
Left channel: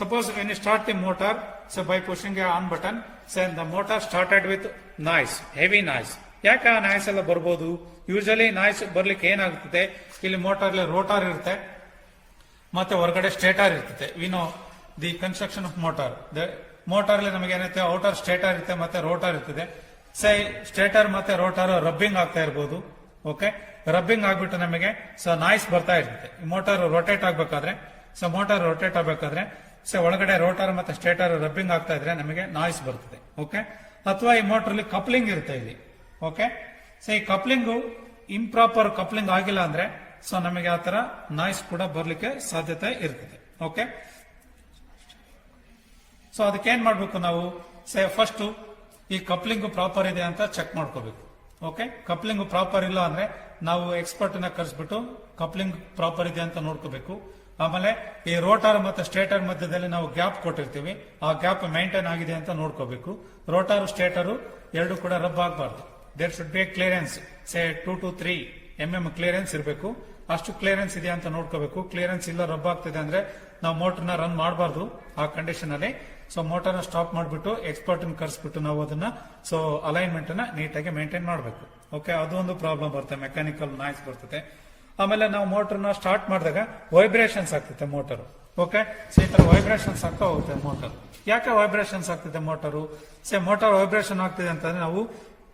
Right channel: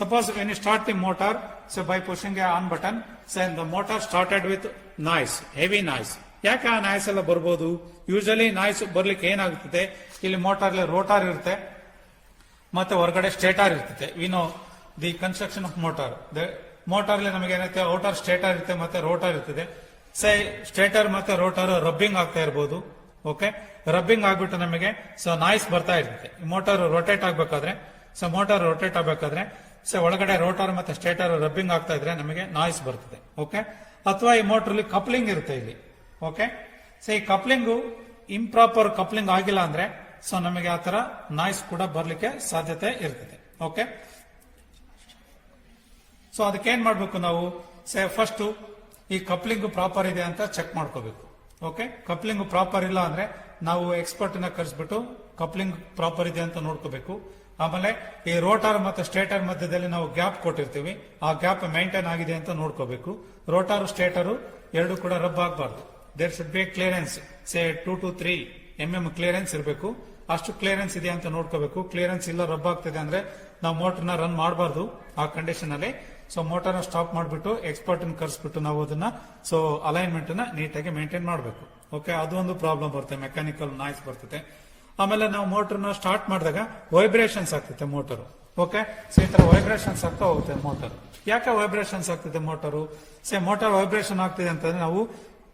suppose when you start the motor, so by pushing on button, so the motor started with noise, heavy noise. ಯಾಕೆ ಆ ನಾಯ್ಸ್ ಎಲ್ಲ ಬರ್ಬೋದು? ಯೂಶಲಿ ನಾಯ್ಸ್ ಬರ್ಲಿಕ್ಕೆ ಏನಾಗುತ್ತದೆ, ಇಲ್ಲಿ ಮೋಟಾರ್ ರೋಟಾರ್ ಇರುತ್ತೆ ಮತ್ತೆ ಹೊರಗಡೆ ಸ್ಟೇಟಾರ್ ಇರ್ತದೆ. We know the construction of motor, motor ನಮಗೆ ಏನೈತೆ ಔಟರ್ ಸ್ಟೇಟರ್ ಇರುತ್ತೆ ಮತ್ತೆ ರೋಟಾರ್ ಇರ್ತದೆ. ಸ್ಟೇಟರ್ ಮತ್ತೆ ರೋಟಾರ್ ರಬ್ಬಿಂಗ್ ಆಗ್ತಾ ಇರ್ಬೋದು. ಓಕೆ, ರಬ್ಬಿಂಗ್ ಆಗ್ಬಿಟ್ಟು ನಮಗೆ ಸೊ ನಾಯ್ಸ್ ಬರ್ತಾ ಇರ್ತದೆ. ಮೋಟಾರ್ ರೊಟೇಟ್ ಆಗ್ಬೇಕಾದ್ರೆ, ಸೊ ಮೋಟಾರ್ ರೊಟೇಟ್ ಆಗ್ಬೇಕಾದ್ರೆ ಸೊ ಒಳಗಡೆ ರೋಟಾರ್ ಮತ್ತೆ ಸ್ಟೇಟರ್ ರಬ್ಬಿಂಗ್ ಆಗ್ತಾ ಇದ್ರೆ ನಮಗೆ ನಾಯ್ಸ್ ಬರ್ತದೆ. ಓಕೆ, ಅಥವಾ ಈ ಮೋಟರ್ ಅಲ್ಲಿ ಕಪ್ಲಿಂಗ್ ಇರುತ್ತೆ ಇಲ್ಲಿ. ಓಕೆ, ಸೊ ಈ ಕಪ್ಲಿಂಗು ಇಂಪ್ರಾಪರ್ ಕಪ್ಲಿಂಗ್ ಆಗಿಲ್ಲ ಅಂದ್ರೆ ಸೊ ನಮಗೆ ಆ ತರ ನಾಯ್ಸ್ ಕೂಡ ಬರ್ಲಿಕ್ಕೆ ಸಾಧ್ಯತೆ ಇರ್ತದೆ. ಓಕೆ, ಸೊ ಅದಕ್ಕೆ ಏನ್ ಮಾಡ್ಬೇಕು ನಾವು, ಫಸ್ಟ್ ಈ ಕಪ್ಲಿಂಗ್ ಪ್ರಾಪರ್ ಇದೆ ಅಂತ ಚೆಕ್ ಮಾಡ್ಕೋಬೇಕು. ಓಕೆ, ಕಪ್ಲಿಂಗ್ ಪ್ರಾಪರ್ ಇಲ್ಲ ಅಂದ್ರೆ ನಾವು ಎಕ್ಸ್ಪರ್ಟ್ ನ ಕರೆಸ್ಬಿಟ್ಟು ಕಪ್ಲಿಂಗ್ ಪ್ರಾಪರ್ ಇದೆ ಅಂತ ನೋಡ್ಕೋಬೇಕು. ಆಮೇಲೆ ಈ ರೋಟಾರ್ ಮತ್ತೆ ಸ್ಟೇಟರ್ ಮಧ್ಯದಲ್ಲಿ ನಾವು ಗ್ಯಾಪ್ ಕೊಟ್ಟಿರ್ತೀವಿ, ಆ ಗ್ಯಾಪ್ ಮೇಂಟೈನ್ ಆಗಿದೆ ಅಂತ ನೋಡ್ಕೋಬೇಕು. ರೋಟಾರ್ ಸ್ಟೇಟರ್ ಎರಡು ಕೂಡ ರಬ್ ಆಗಬಾರ್ದು. There should be clearance, 2 to 3 mm clearance ಇರಬೇಕು. ಅಷ್ಟು ಕ್ಲಿಯರೆನ್ಸ್ ಇದೆ ಅಂತ ನೋಡ್ಕೋಬೇಕು. ಕ್ಲಿಯರೆನ್ಸ್ ಇಲ್ಲ, ರಬ್ ಆಗ್ತಿದೆ ಅಂದ್ರೆ ನಾವು ಮೋಟರ್ನ ರನ್ ಮಾಡಬಾರ್ದು ಆ ಕಂಡೀಷನ್ ಅಲ್ಲಿ. ಸೊ ಮೋಟರ್ನ ಸ್ಟಾಪ್ ಮಾಡಿಬಿಟ್ಟು ಎಕ್ಸ್ಪರ್ಟ್ ಕರೆಸ್ಬಿಟ್ಟು ನಾವು ಅದನ್ನ ಸೊ ಅಲೈನ್ಮೆಂಟ್ ನ ನೀಟಾಗಿ ಮೇಂಟೈನ್ ಮಾಡಬೇಕು. ಓಕೆ, ಅದೊಂದು ಪ್ರಾಬ್ಲಮ್ ಬರುತ್ತೆ, ಮೆಕ್ಯಾನಿಕಲ್ ನಾಯ್ಸ್ ಬರ್ತದೆ. ಆಮೇಲೆ ನಾವು ಮೋಟರ್ನ ಸ್ಟಾರ್ಟ್ ಮಾಡಿದಾಗ ವೈಬ್ರೇಷನ್ಸ್ ಆಗ್ತದೆ ಮೋಟರ್. ಓಕೆ, ಸೊ ಈ ತರ ವೈಬ್ರೇಷನ್ಸ್ ಆಗ್ತಾ ಹೋಗುತ್ತೆ ಮೋಟರ್. ಯಾಕೆ ವೈಬ್ರೇಷನ್ಸ್ ಆಗ್ತದೆ ಮೋಟರು? ಮೋಟರ್ ವೈಬ್ರೇಷನ್ ಆಗ್ತಿದೆ ಅಂತಂದ್ರೆ ನಾವು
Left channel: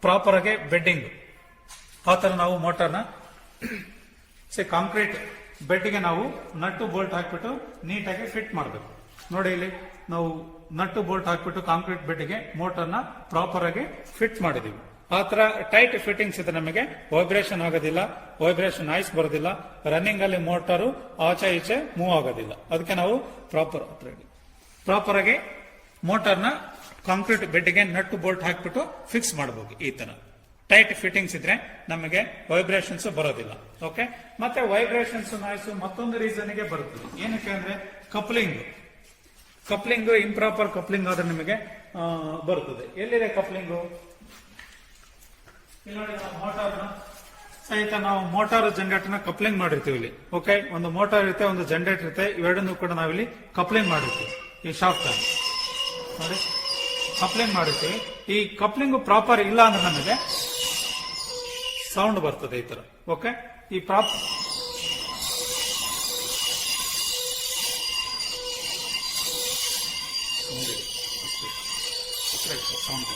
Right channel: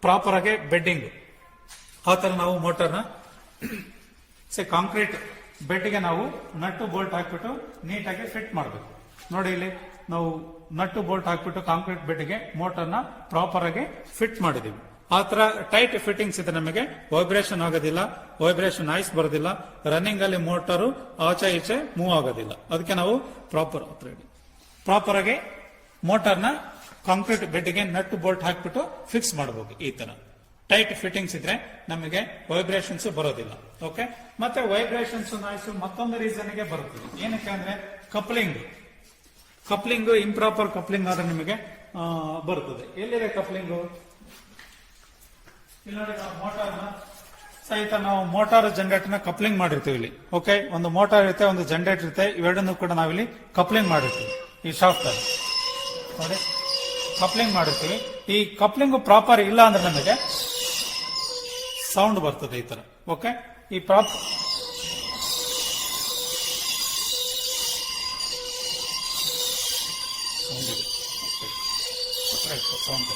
ಪ್ರಾಪರ್ ಆಗಿ ಬೆಡ್ಡಿಂಗ್ ಆ ತರ ನಾವು ಮೋಟರ್ನ ಕಾಂಕ್ರೀಟ್ ಬೆಡ್ಗೆ ನಾವು ನಟ್ಟು ಬೋಲ್ಟ್ ಹಾಕ್ಬಿಟ್ಟು ನೀಟಾಗಿ ಫಿಟ್ ಮಾಡಬೇಕು. ನೋಡಿ ಇಲ್ಲಿ ನಾವು ನಟ್ಟು ಬೋಲ್ಟ್ ಹಾಕ್ಬಿಟ್ಟು ಕಾಂಕ್ರೀಟ್ ಬೆಡ್ಗೆ ಮೋಟರ್ನ ಪ್ರಾಪರ್ ಆಗಿ ಫಿಟ್ ಮಾಡಿದೀವಿ. ಆ ತರ ಟೈಟ್ ಫಿಟ್ಟಿಂಗ್ಸ್ ಇದೆ, ನಮಗೆ ವೈಬ್ರೇಷನ್ ಆಗೋದಿಲ್ಲ, ವೈಬ್ರೇಷನ್ ನಾಯ್ಸ್ ಬರೋದಿಲ್ಲ, ರನ್ನಿಂಗ್ ಅಲ್ಲಿ ಮೋಟರ್ ಆಚೆ ಈಚೆ ಮೂವ್ ಆಗೋದಿಲ್ಲ. ಅದಕ್ಕೆ ನಾವು ಪ್ರಾಪರ್ ಆಗಿ ಮೋಟರ್ನ ಕಾಂಕ್ರೀಟ್ ಬೆಡ್ಗೆ ನಟ್ಟು ಬೋಲ್ಟ್ ಹಾಕ್ಬಿಟ್ಟು ಫಿಕ್ಸ್ ಮಾಡಬಹುದು. ಈ ತರ ಟೈಟ್ ಫಿಟ್ಟಿಂಗ್ಸ್ ಇದ್ರೆ ನಮಗೆ ವೈಬ್ರೇಷನ್ಸ್ ಬರೋದಿಲ್ಲ. ಓಕೆ, ಮತ್ತೆ ವೈಬ್ರೇಷನ್ಸ್ ನಾಯ್ಸ್ ಮತ್ತೊಂದು ರೀಸನ್ ಗೆ ಬರುತ್ತದೆ. ಏನಕ್ಕೆ ಅಂದ್ರೆ ಕಪ್ಲಿಂಗ್ ಇಂಪ್ರಾಪರ್ ಕಪ್ಲಿಂಗ್ ಆದ್ರೆ ನಿಮಗೆ ಬರುತ್ತದೆ. ಎಲ್ಲಿದೆ ಕಪ್ಲಿಂಗು? ಇಲ್ಲಿ ನೋಡಿ, ನಾವು ಮೋಟಾರ್ನ ಸಹಿತ ನಾವು ಮೋಟಾರ್ ಜನರೇಟರ್ನ ಕಪ್ಲಿಂಗ್ ಮಾಡಿರ್ತೀವಿ ಇಲ್ಲಿ. ಓಕೆ, ಒಂದು ಮೋಟಾರ್ ಇರುತ್ತೆ, ಒಂದು ಜನರೇಟರ್ ಇರುತ್ತೆ, ಇವೆರಡನ್ನು ಕೂಡ ನಾವಿಲ್ಲಿ ಕಪ್ಲಿಂಗ್ ಮಾಡಿರ್ತೀವಿ. ಈ ಶಾಫ್ಟ್ ಅಲ್ಲಿ ನೋಡಿ ಕಪ್ಲಿಂಗ್ ಮಾಡಿರ್ತೀವಿ. ಈ ಕಪ್ಲಿಂಗ್ ಪ್ರಾಪರ್ ಇಲ್ಲ ಅಂದ್ರೆ ನಮಗೆ ಸೌಂಡ್ ಬರ್ತದೆ ಈ ತರ. ಓಕೆ, ಈ ಪ್ರಾಪರ್ ಸೌಂಡ್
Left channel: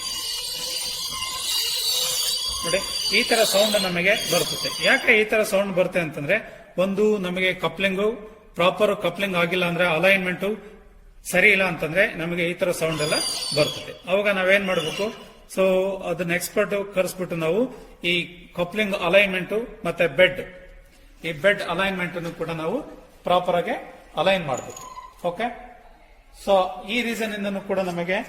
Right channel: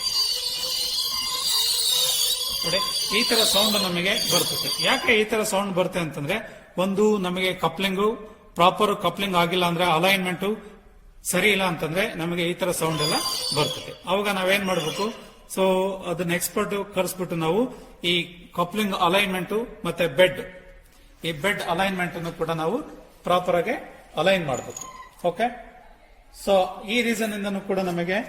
ನೋಡಿ, ಈ ತರ ಸೌಂಡ್ ನಮಗೆ ಬರ್ತದೆ. ಯಾಕೆ ಈ ತರ ಸೌಂಡ್ ಬರುತ್ತೆ ಅಂತಂದ್ರೆ, ಒಂದು ನಮಗೆ ಕಪ್ಲಿಂಗು ಪ್ರಾಪರ್ ಕಪ್ಲಿಂಗ್ ಆಗಿಲ್ಲ ಅಂದ್ರೆ, ಅಲೈನ್ಮೆಂಟ್ ಸರಿ ಇಲ್ಲ ಅಂತಂದ್ರೆ ನಮಗೆ ಈ ತರ ಸೌಂಡ್ ಎಲ್ಲ ಬರ್ತದೆ. ಅವಾಗ ನಾವೇನ್ ಮಾಡಬೇಕು, ಸೊ ಅದನ್ನ ಎಕ್ಸ್ಪರ್ಟ್ ಕರೆಸ್ಬಿಟ್ಟು ನಾವು ಈ ಕಪ್ಲಿಂಗ್ ಅಲೈನ್ಮೆಂಟ್ ಮತ್ತೆ ಈ ಬೆಡ್ ಅಲೈನ್ಮೆಂಟ್ ಅನ್ನು ಕೂಡ ನಾವು ಪ್ರಾಪರ್ ಆಗಿ ಅಲೈನ್ ಮಾಡಬೇಕು. ಓಕೆ, ಸೊ ಈ ರೀಸನ್ ಇಂದನೂ ಕೂಡ ನಮಗೆ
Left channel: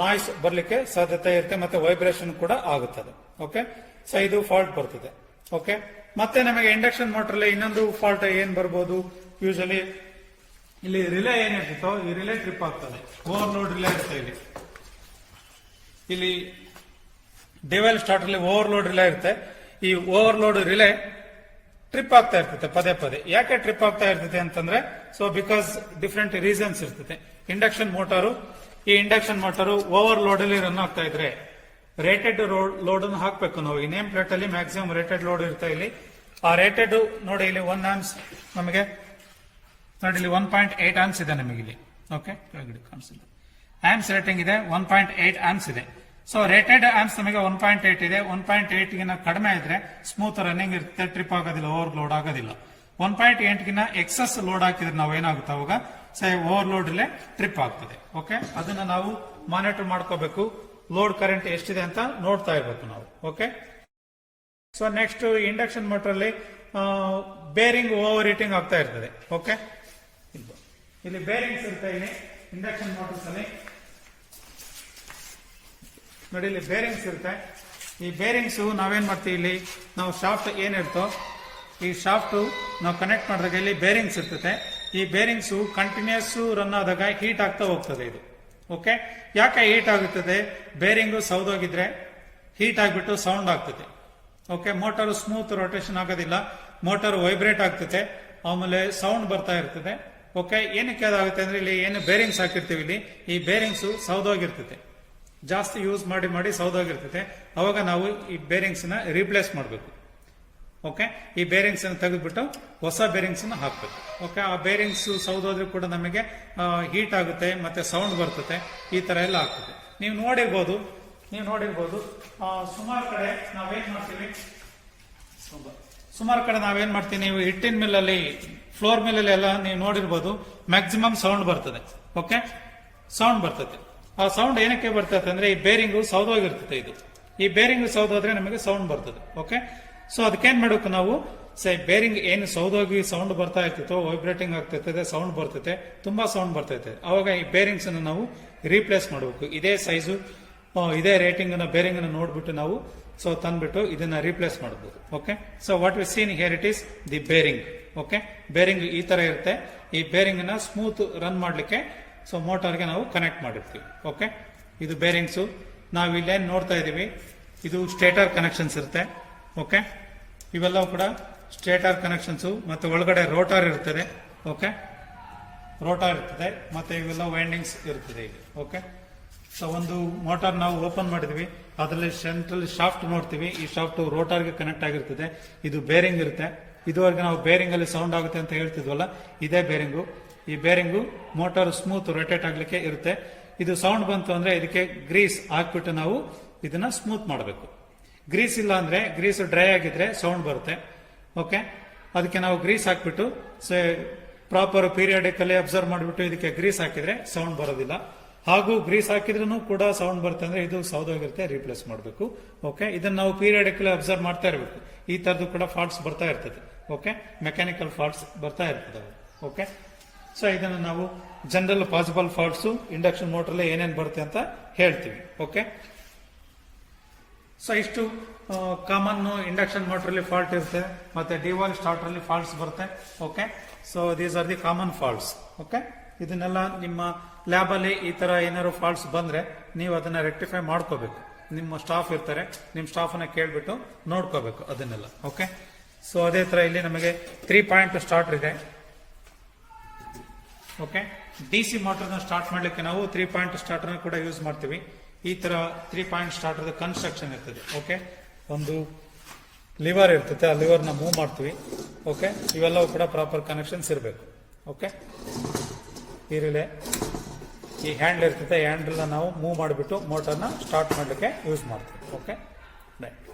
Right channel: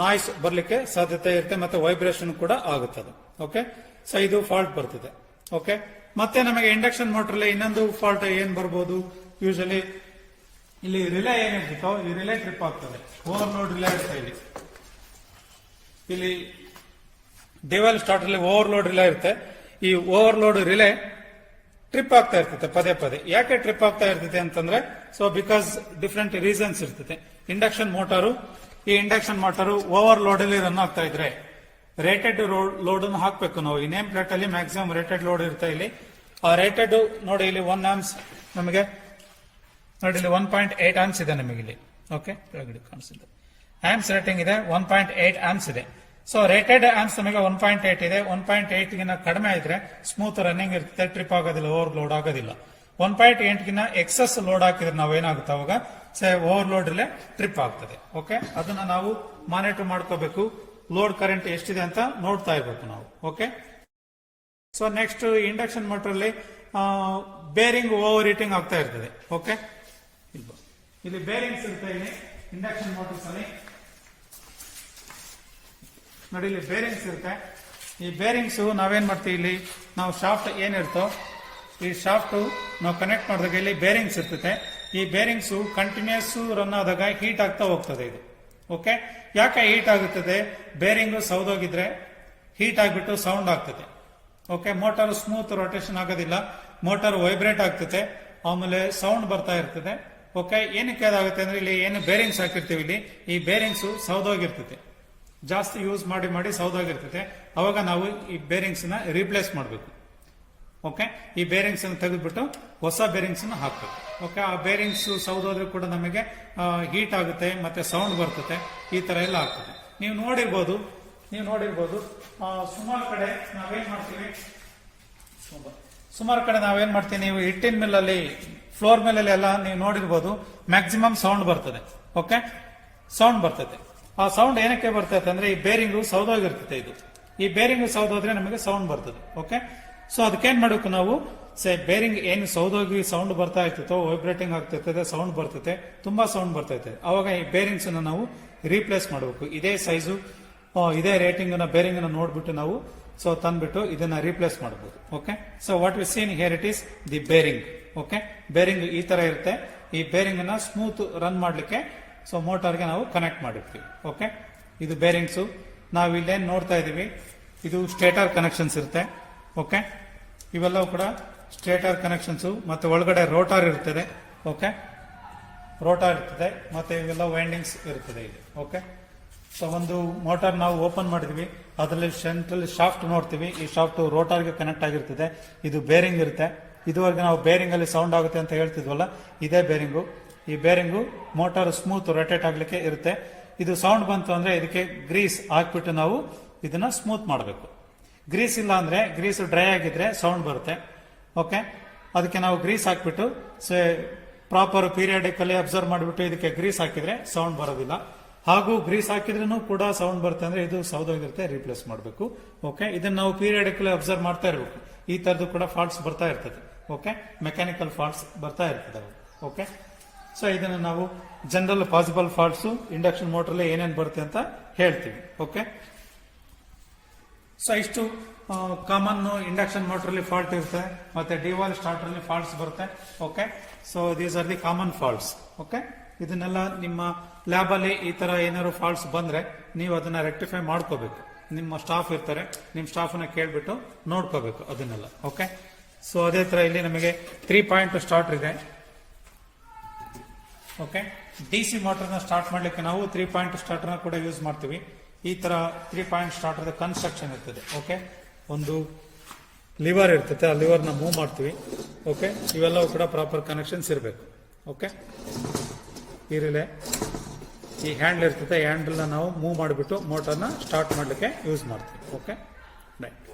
ನಾಯ್ಸ್ ಬರ್ಲಿಕ್ಕೆ ಸಾಧ್ಯತೆ ಇರುತ್ತೆ ಮತ್ತೆ ವೈಬ್ರೇಷನ್ ಕೂಡ ಆಗುತ್ತದೆ. ಓಕೆ, ಸೊ ಇದು ಫಾಲ್ಟ್ ಬರ್ತಿದೆ. ಓಕೆ, ಮತ್ತೆ ನಮಗೆ ಇಂಡಕ್ಷನ್ ಮೋಟರ್ ಇನ್ನೊಂದು ಫಾಲ್ಟ್ ಏನ್ ಬರ್ಬೋದು, ಯೂಶಲಿ ಇಲ್ಲಿ ರಿಲೇ ಏನಿರ್ತೋ ಈ ರಿಲೇ ಟ್ರಿಪ್ ಆಗ್ತದೆ. ಓವರ್ಲೋಡ್ ರಿಲೇ ಇರುತ್ತೆ ಇಲ್ಲಿ ಡಿವೈಲ್ ಸ್ಟಾರ್ಟರ್ ಅಲ್ಲಿ ಓವರ್ಲೋಡ್ ರಿಲೇ ಇರುತ್ತೆ. ಈ ಓವರ್ಲೋಡ್ ರಿಲೇ ಟ್ರಿಪ್ ಆಗ್ತಾ ಇರ್ತದೆ ಪದೇ ಪದೇ. ಯಾಕೆ ಟ್ರಿಪ್ ಆಗ್ತಾ ಇರ್ತದೆ ಅಂತಂದ್ರೆ, ಸೊ ಬಿಕಾಸ್ ಡಿಫ್ರೆಂಟ್ ರೀಸನ್ಸ್ ಇರ್ತದೆ. ಇಂಡಕ್ಷನ್ ಮೋಟಾರು ಓವರ್ಲೋಡ್ ಅಲ್ಲಿ ರನ್ ಆಗ್ತಾ ಇದ್ರೆ ರೇಟೆಡ್ ಲೋಡ್ ಅನ್ನು ಹಾಕ್ಬೇಕು ನಾವು. ಈ ನೇಮ್ ಪ್ಲೇಟ್ ಅಲ್ಲಿ ಮ್ಯಾಕ್ಸಿಮಮ್ ರೇಟೆಡ್ ಲೋಡ್ ಇರುತ್ತೆ ಇಲ್ಲಿ. ಆ ರೇಟೆಡ್ ನೋಡಿ ಇಲ್ಲಿ 1 amps ನಮಗೆ ನೋಡಿ ಇಲ್ಲಿ 1.8 amps ಇದೆ ನಮಗೆ ಇಲ್ಲಿ. ಓಕೆ, ಕಾಣಿಸುತ್ತೆ ಆಂಪ್ಸ್ ರೇಟಿಂಗ್ ಇದೆ, 1.8 amps ಇದೆ. ಸೊ ರೇಟೆಡ್ ಆಂಪ್ಸ್ ನಮಗೆ 1.8 ಇದೆ. 1.8 ಗಿನ್ನ ಕಡಿಮೆ ಇದ್ರೆ ಸ್ಮೂತ್ ರನ್ನಿಂಗ್ ಇರುತ್ತೆ, ಟ್ರಿಪ್ ಆಗೋದಿಲ್ಲ, ಓವರ್ ಲೋಡ್ ಆಗೋದಿಲ್ಲ. 1.8 ಗಿನ್ನ ಎಕ್ಸಸ್ ಲೋಡ್ ಹಾಕಿದ್ರೆ ನಾವು ಏನಾಗುತ್ತೆ ಅವಾಗ ಓವರ್ ಲೋಡ್ ಇಲ್ಲೇ ಟ್ರಿಪ್ ಆಗ್ತದೆ. ಓಕೆ, ಅದನ್ನ ನಾವು ಮಾನಿಟರ್ ಮಾಡ್ಕೋಬೇಕು. ಲೋಡ್ ಕರೆಂಟ್ ಎಷ್ಟಿದೆ ಅಂತ ನೋಡ್ತಾ ಇರ್ಬೇಕು ನಾವು. Okay, so next induction motor ಅಲ್ಲಿ ಬೇರಿಂಗ್ ಓವರ್ ಹೀಟಿಂಗ್ ಆಗ್ತಾ ಇರ್ತದೆ. ಓಕೆ, ಇಲ್ಲಿ ಬೇರಿಂಗ್ಸ್ ಇರುತ್ತೆ. ಇಲ್ಲಿ ಇಂಡಕ್ಷನ್ ಮೋಟರ್ಸ್ ಅಲ್ಲಿ ನೋಡಿ, ಇಲ್ಲಿ ಬೇರಿಂಗ್ಸ್ ಇರುತ್ತೆ. ಈ ಬೇರಿಂಗ್ಸ್ ನಾವೇನ್ ಮಾಡ್ತೀವಿ, ಇಲ್ಲಿ ನಾವು ಶಾಫ್ಟ್ ಏನಿರ್ತೋ ಈ ಶಾಫ್ಟ್ ನಾವು ಕನೆಕ್ಟ್ ಮಾಡಿದಾಗ ಇಲ್ಲಿ ಬೇರಿಂಗ್ಸ್ ಇರ್ತದೆ. ಈ ಬೇರಿಂಗ್ಸ್ ಕಂಟಿನ್ಯೂಸ್ ರನ್ ಆದಾಗ ಹೀಟ್ ಆಗ್ತಾ ಹೋಗ್ತದೆ ಇದು. ಓಕೆ, ಯಾಕೆ ಹೀಟ್ ಆಗುತ್ತದೆ? ಬೇರಿಂಗು ಸೌದೋಗಿದ್ರೆ ಹೀಟ್ ಆಗಿಬಿಟ್ಟು ಸೌಂಡ್ ಆಗ್ತದೆ. ಓಕೆ, ಮೋಟಾರ್ ಸ್ಮೂತ್ ರೊಟೇಷನ್ ಆಗೋದಿಲ್ಲ, ಮೋಟಾರ್ ವೈಬ್ರೇಟ್ ಆಗ್ತದೆ, ಆಮೇಲೆ ಸೌಂಡ್ ಬರ್ತಾ ಇರ್ತದೆ. ಓಕೆ, ಏನಕ್ಕೆ ಅದಾಗುತ್ತೆ ಅಂದ್ರೆ ಇಲ್ಲಿ ಏನು ಬೇರಿಂಗ್ಸ್ ಹಾಕಿರ್ತೀವಿ, ಇಲ್ಲಿ ಈ ಬೇರಿಂಗ್ಸ್ ಸೌದೋಗಿರ್ತದೆ, ಜಾಸ್ತಿ ಯೂಸ್ ಮಾಡಿ ಮಾಡಿ ಸೌದೋಗಿರ್ತದೆ. ಅವಾಗ ನಾವು ಈ ಬೇರಿಂಗ್ಸ್ ನ ರೀಪ್ಲೇಸ್ ಮಾಡಬೇಕು. ಓಕೆ, ಈ ಬೇರಿಂಗ್ಸ್ ಅನ್ನು ತೆಗೆದ್ಬಿಟ್ಟು ಹೊಸ ಬೇರಿಂಗ್ಸ್ ನ ಹಾಕ್ಬೇಕು. ಓಕೆ, ಆ ಬೇರಿಂಗ್ಸ್ ಸೌದೋದ್ರೂ ಕೂಡ ನಮಗೆ ಹೀಟ್ ಆಗುತ್ತೆ, ಮತ್ತೆ ಸೌಂಡ್ ಬರ್ತದೆ, ಈ ತರ ಎಲ್ಲ ಆಗ್ತದೆ. ನೀವು ನೋಡಿರ್ಬೋದು ಸುಮಾರು ಕಡೆ ನಾವೇನ್ ಮಾಡ್ತೀವಿ, ನೀವು ಹಿಟ್ಟಿನ ಮಿಲ್ಲಲ್ಲಿ, ಫ್ಲೋರ್ ಮಿಲ್ಲಲ್ಲಿ ಎಲ್ಲ ನೀವು ನೋಡಿರ್ಬೋದು, ಮ್ಯಾಕ್ಸಿಮಮ್ ಸೌಂಡ್ ಬರ್ತದೆ. ಓಕೆ, ಸೌಂಡ್ ಬರ್ತದೆ. ಆ ಸೌಂಡ್ ಏನಕ್ಕೆ ಬರ್ತದೆ ಅಂದ್ರೆ ಈ ಬೇರಿಂಗು ಸೌದೋಗಿರ್ತದೆ. ಇದು ಈ ಬೇರಿಂಗ್ ಸೌದೋದ್ರೆ ನಮಗೆ ಸೌಂಡ್ ಬರ್ತದೆ. ಓಕೆ, ಸೊ ಅದಕ್ಕೇನ್ ಮಾಡಬೇಕು ನಾವು, ಬೇರಿಂಗ್ ಏನು ಸೌದೋಗಿ ಸೌಂಡ್ ಬರ್ತಾ ಇರ್ತೈತೋ, ವೈಬ್ರೇಟಿಂಗ್ ಆಗ್ತಿರ್ತದೆ, ಸೌಂಡ್ ಬರ್ತೈತೆ, ತುಂಬಾ ಸೌಂಡ್ ಬರ್ತೈತೆ. ಅವಾಗ ಈ ಬೇರಿಂಗ್ಸ್ ಅನ್ನು ನಾವು ರೀಪ್ಲೇಸ್ ಮಾಡಬೇಕು. ಇದೇ ಸೈಜು ಇದೇ ರೇಟಿಂಗ್ ಅನ್ನ ಬೇರಿಂಗ್ ಅನ್ನು ನೋಡ್ಬಿಟ್ಟು ನಾವು ತಂದ್ಬಿಟ್ಟು ಇದನ್ನ ರೀಪ್ಲೇಸ್ ಮಾಡಬಹುದು. Okay, so what we seen here it is the bearing. Okay, bearing ಈ ತರ ಇರುತ್ತೆ. ಈ ಬೇರಿಂಗ್ ಅನ್ನ ಸ್ಮೂತ್ ರನ್ ಮಾಡ್ಲಿಕ್ಕೆ ಮೋಟಾರ್ಗೆ ನಾವು ಕನೆಕ್ಟ್ ಮಾಡಿರ್ತೀವಿ. ಓಕೆ, ಇದು ಬೇರಿಂಗ್ಸ್. ನಾವು ಇಲ್ಲೇನ್ ನೋಡ್ತಾ ಇದೀವಿ, ಇದು ಸ್ಟೇಟರ್ ಕನೆಕ್ಷನ್ಸ್ ಇರುತ್ತೆ. ಓಕೆ, ಇವೆಲ್ಲವೂ ಕೂಡ ಸ್ಟೇಟರ್ ಕನೆಕ್ಷನ್ಸ್, ಮತ್ತೆ ಒಳಗಡೆ ರೋಟಾರ್ ಇರ್ತದೆ. ಓಕೆ, ರೋಟಾರ್ ಇರ್ತದೆ, ಮತ್ತೆ ಇವೆಲ್ಲ ವೈಂಡಿಂಗ್ಸ್ ಇರ್ತದೆ ಇಲ್ಲಿ. ಓಕೆ, ಸೊ ಒಂದು ಮೋಟಾರ್ ನಾವು ಓಪನ್ ಮಾಡಿದ್ವಿ, ಅದರಲ್ಲಿ ಸೆಂಟ್ರಲ್ ಶಾಫ್ಟ್ ನೋಡ್ತೀವಿ. ಈ ಶಾಫ್ಟ್ ರೋಟಾರ್ಗೆ ಕನೆಕ್ಟ್ ಆಗಿರ್ತದೆ. ಇದು ಬೇರಿಂಗ್ ಇರುತ್ತೆ. ಇದುವರೆಗೆ ನಾವು ಬೇರಿಂಗ್ ಅಲ್ಲಿ ಸೌಂಡ್ ಆಗುತ್ತೆ ಅಂತ ಹೇಳ್ತಿದ್ವಲ್ಲ, ಇದೇ ಬೇರಿಂಗು. ಈ ಬೇರಿಂಗು ಮೋಟಾರ್ ಸ್ಮೂತ್ ರೊಟೇಟ್ ಆಗ್ಲಿಕ್ಕೆ ಇರುತ್ತೆ. ಇದು ಸೌಂಡ್ ಬಂತು ಅಂದ್ರೆ ಇದಕ್ಕೆ ಗ್ರೀಸ್ ಹಾಕ್ಬಿಟ್ಟು ನಾವು ಇದನ್ನ ಸ್ಮೂತ್ ಮಾಡಬೇಕು. ಗ್ರೀಸ್ ಇಲ್ಲ ಅಂದ್ರೆ, ಗ್ರೀಸ್ ಡ್ರೈ ಆಗಿದ್ರೆ ಸೌಂಡ್ ಬರುತ್ತೆ. ಓಕೆ, ಅದಕ್ಕೆ ನಾವು ಗ್ರೀಸ್ ಹಾಕ್ಬಿಟ್ಟು ಪ್ರಾಪರ್ ಪೀರಿಯಾಡಿಕಲಿ ಅಬ್ಸರ್ವ್ ಮಾಡಿಬಿಟ್ಟು ಇದಕ್ಕೆ ಗ್ರೀಸ್ ಹಾಕಿದ್ರೆ ಸೌಂಡ್ ಬರೋದಿಲ್ಲ. ಹಾಗೂ ಗ್ರೀಸ್ ಹಾಕಿದ್ರೂ ಕೂಡ ಸೌಂಡ್ ಬರುತ್ತೆ ಅಂದ್ರೆ ಇದು ಸೌದೋಗಿರುತ್ತೆ, ರೀಪ್ಲೇಸ್ ಮಾಡಬೇಕು. ಓಕೆ, ಇದನ್ನ ನಾವು ಪೀರಿಯಾಡಿಕಲಿ ಅಬ್ಸರ್ವ್ ಮಾಡ್ತಾ ಇರಬೇಕು. ಈ ತರದ್ದು ಕೂಡ ಫಾಲ್ಟ್ಸ್ ಬರ್ತಾ ಇರ್ತದೆ. ಓಕೆ, ಮೆಕ್ಯಾನಿಕಲ್ ಫಾಲ್ಟ್ಸ್ ಬರ್ತಾ ಇರ್ತದೆ. ಓಕೆ, ಸೊ ಇದನ್ನು ನಾವು general possible faults induction motor ಏನೇನು ಬರುತ್ತೆ ಅಂತ ಹೇಳ್ತೀವಿ. ಓಕೆ, ಸೊ ಇಷ್ಟು ಕಾಮನ್ ಇಂಡಕ್ಷನ್ ಮೋಟರ್ ಅಲ್ಲಿ ಫಾಲ್ಟ್ ಇರುತ್ತೆ, ಮತ್ತೆ ಡಿವಾಲ್ ಸ್ಟಾರ್ಟರ್ ಅಲ್ಲಿ ಫಾಲ್ಟ್ಸ್ ಬರುತ್ತೆ. Okay, so these are the common faults. Okay, ಇದನ್ನೆಲ್ಲ ನಿಮ್ಮ ಲ್ಯಾಬ್ ಅಲ್ಲಿ ಈ ತರ ಏನಾದ್ರು ಫಾಲ್ಟ್ಸ್ ಬಂದ್ರೆ ನೀವು ಅದನ್ನ ರೆಕ್ಟಿಫೈ ಮಾಡ್ಕೋಬೇಕು. ನಿಮ್ಮ ಸ್ಟಾಫ್ ಇರ್ತಾರೆ, ನಿಮ್ಮ ಸ್ಟಾಫ್ ಅನ್ನ ಕೇಳ್ಬಿಟ್ಟು ನೋಡ್ಕೋಬೇಕು ಅದನ್ನೆಲ್ಲ. ಓಕೆ, ಸೊ ಅದೇ ತರ ಇಲ್ಲಿ ನಮಗೆ 3 ಪಾಯಿಂಟ್ ಸ್ಟಾರ್ಟರ್ ಇದೆ. ಓಕೆ, ಡಿಸಿ ಮೋಟರ್ ನ ಸ್ಟಾರ್ಟ್ ಮಾಡ್ಲಿಕ್ಕೆ ನಾವು 3 ಪಾಯಿಂಟ್ ಸ್ಟಾರ್ಟರ್ ನ ಕೂಡ ಯೂಸ್ ಮಾಡ್ತೀವಿ. ಈ ತರ 3 ಪಾಯಿಂಟ್ ಸ್ಟಾರ್ಟರ್ ಕನ್ಸ್ಟ್ರಕ್ಷನ್ ಇರ್ತದೆ. ಓಕೆ, ಒಂದು ಲಿವರ್ ಇರ್ತದೆ, ಆ ಲಿವರ್ ನ ಮೂವ್ ಮಾಡ್ತೀವಿ. ಓಕೆ, ಇವೆಲ್ಲವೂ ಕೂಡ ಪ್ರಾಪರ್ ಕನೆಕ್ಷನ್ಸ್ ಇರಬೇಕು. ಓಕೆ, ಈ ರಿಲೇ, ಈ ಹ್ಯಾಂಡಲ್ ಇರ್ತದೆ, ಹ್ಯಾಂಡಲ್ ನಾವು ಮೂವ್ ಮಾಡಿಬಿಟ್ಟು ಮೋಟರ್ನ ಸ್ಟಾರ್ಟ್ ಮಾಡಲಿಕ್ಕೆ ಯೂಸ್ ಮಾಡ್ತೀವಿ. Okay, right.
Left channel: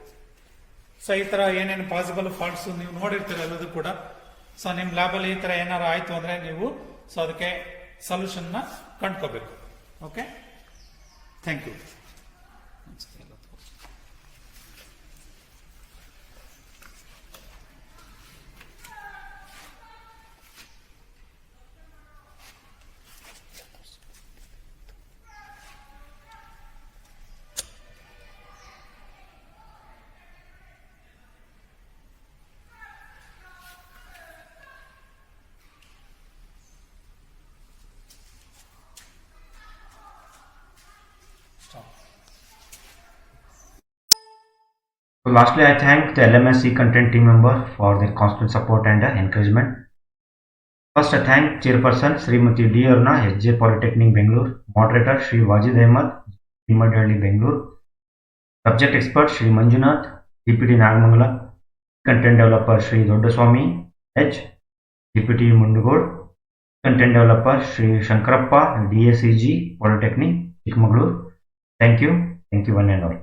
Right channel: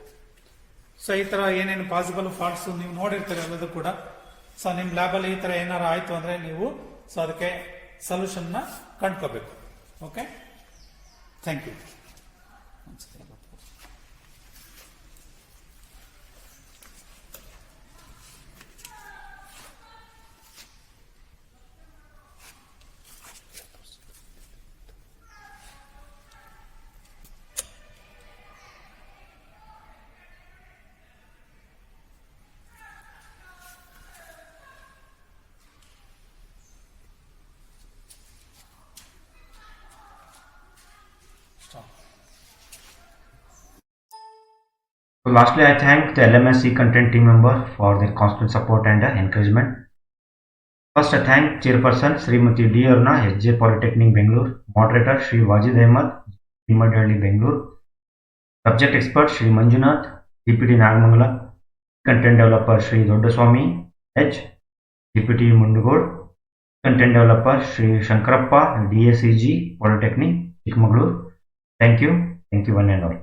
ಸೊ ಈ ತರ ಏನೇನು ಪಾಸಿಬಲ್ ಫಾಲ್ಟ್ಸ್ ನೀವು ನೋಡಿರ್ತೀರಿ ಎಲ್ಲದೂ ಕೂಡ. ಸೊ ನಿಮ್ ಲ್ಯಾಬ್ ಅಲ್ಲಿ ಈ ತರ ಏನಾರು ಆಯ್ತು ಅಂದ್ರೆ ನೀವು ಅದಕ್ಕೆ ಸೊಲ್ಯೂಷನ್ ನ ಕಂಡ್ಕೋಬೇಕು. Okay, thank you. So lastly, I thank the LMSC content team member for their constant support and encouragement. First, I thank Chairperson Srimati D. Aruna, SJ Polytechnic Bangalore, Moderator Shri Wajid Ahmed, Delhi Bangalore, Subject Expert Shri Manjunath, DPT Nagamangala, Content Developer Shri Doddaswamy H, DPT Mundugod, Content Developer Shri Shankarappa, DSCG Polytechnic Chikmagalur. Thank you one and all.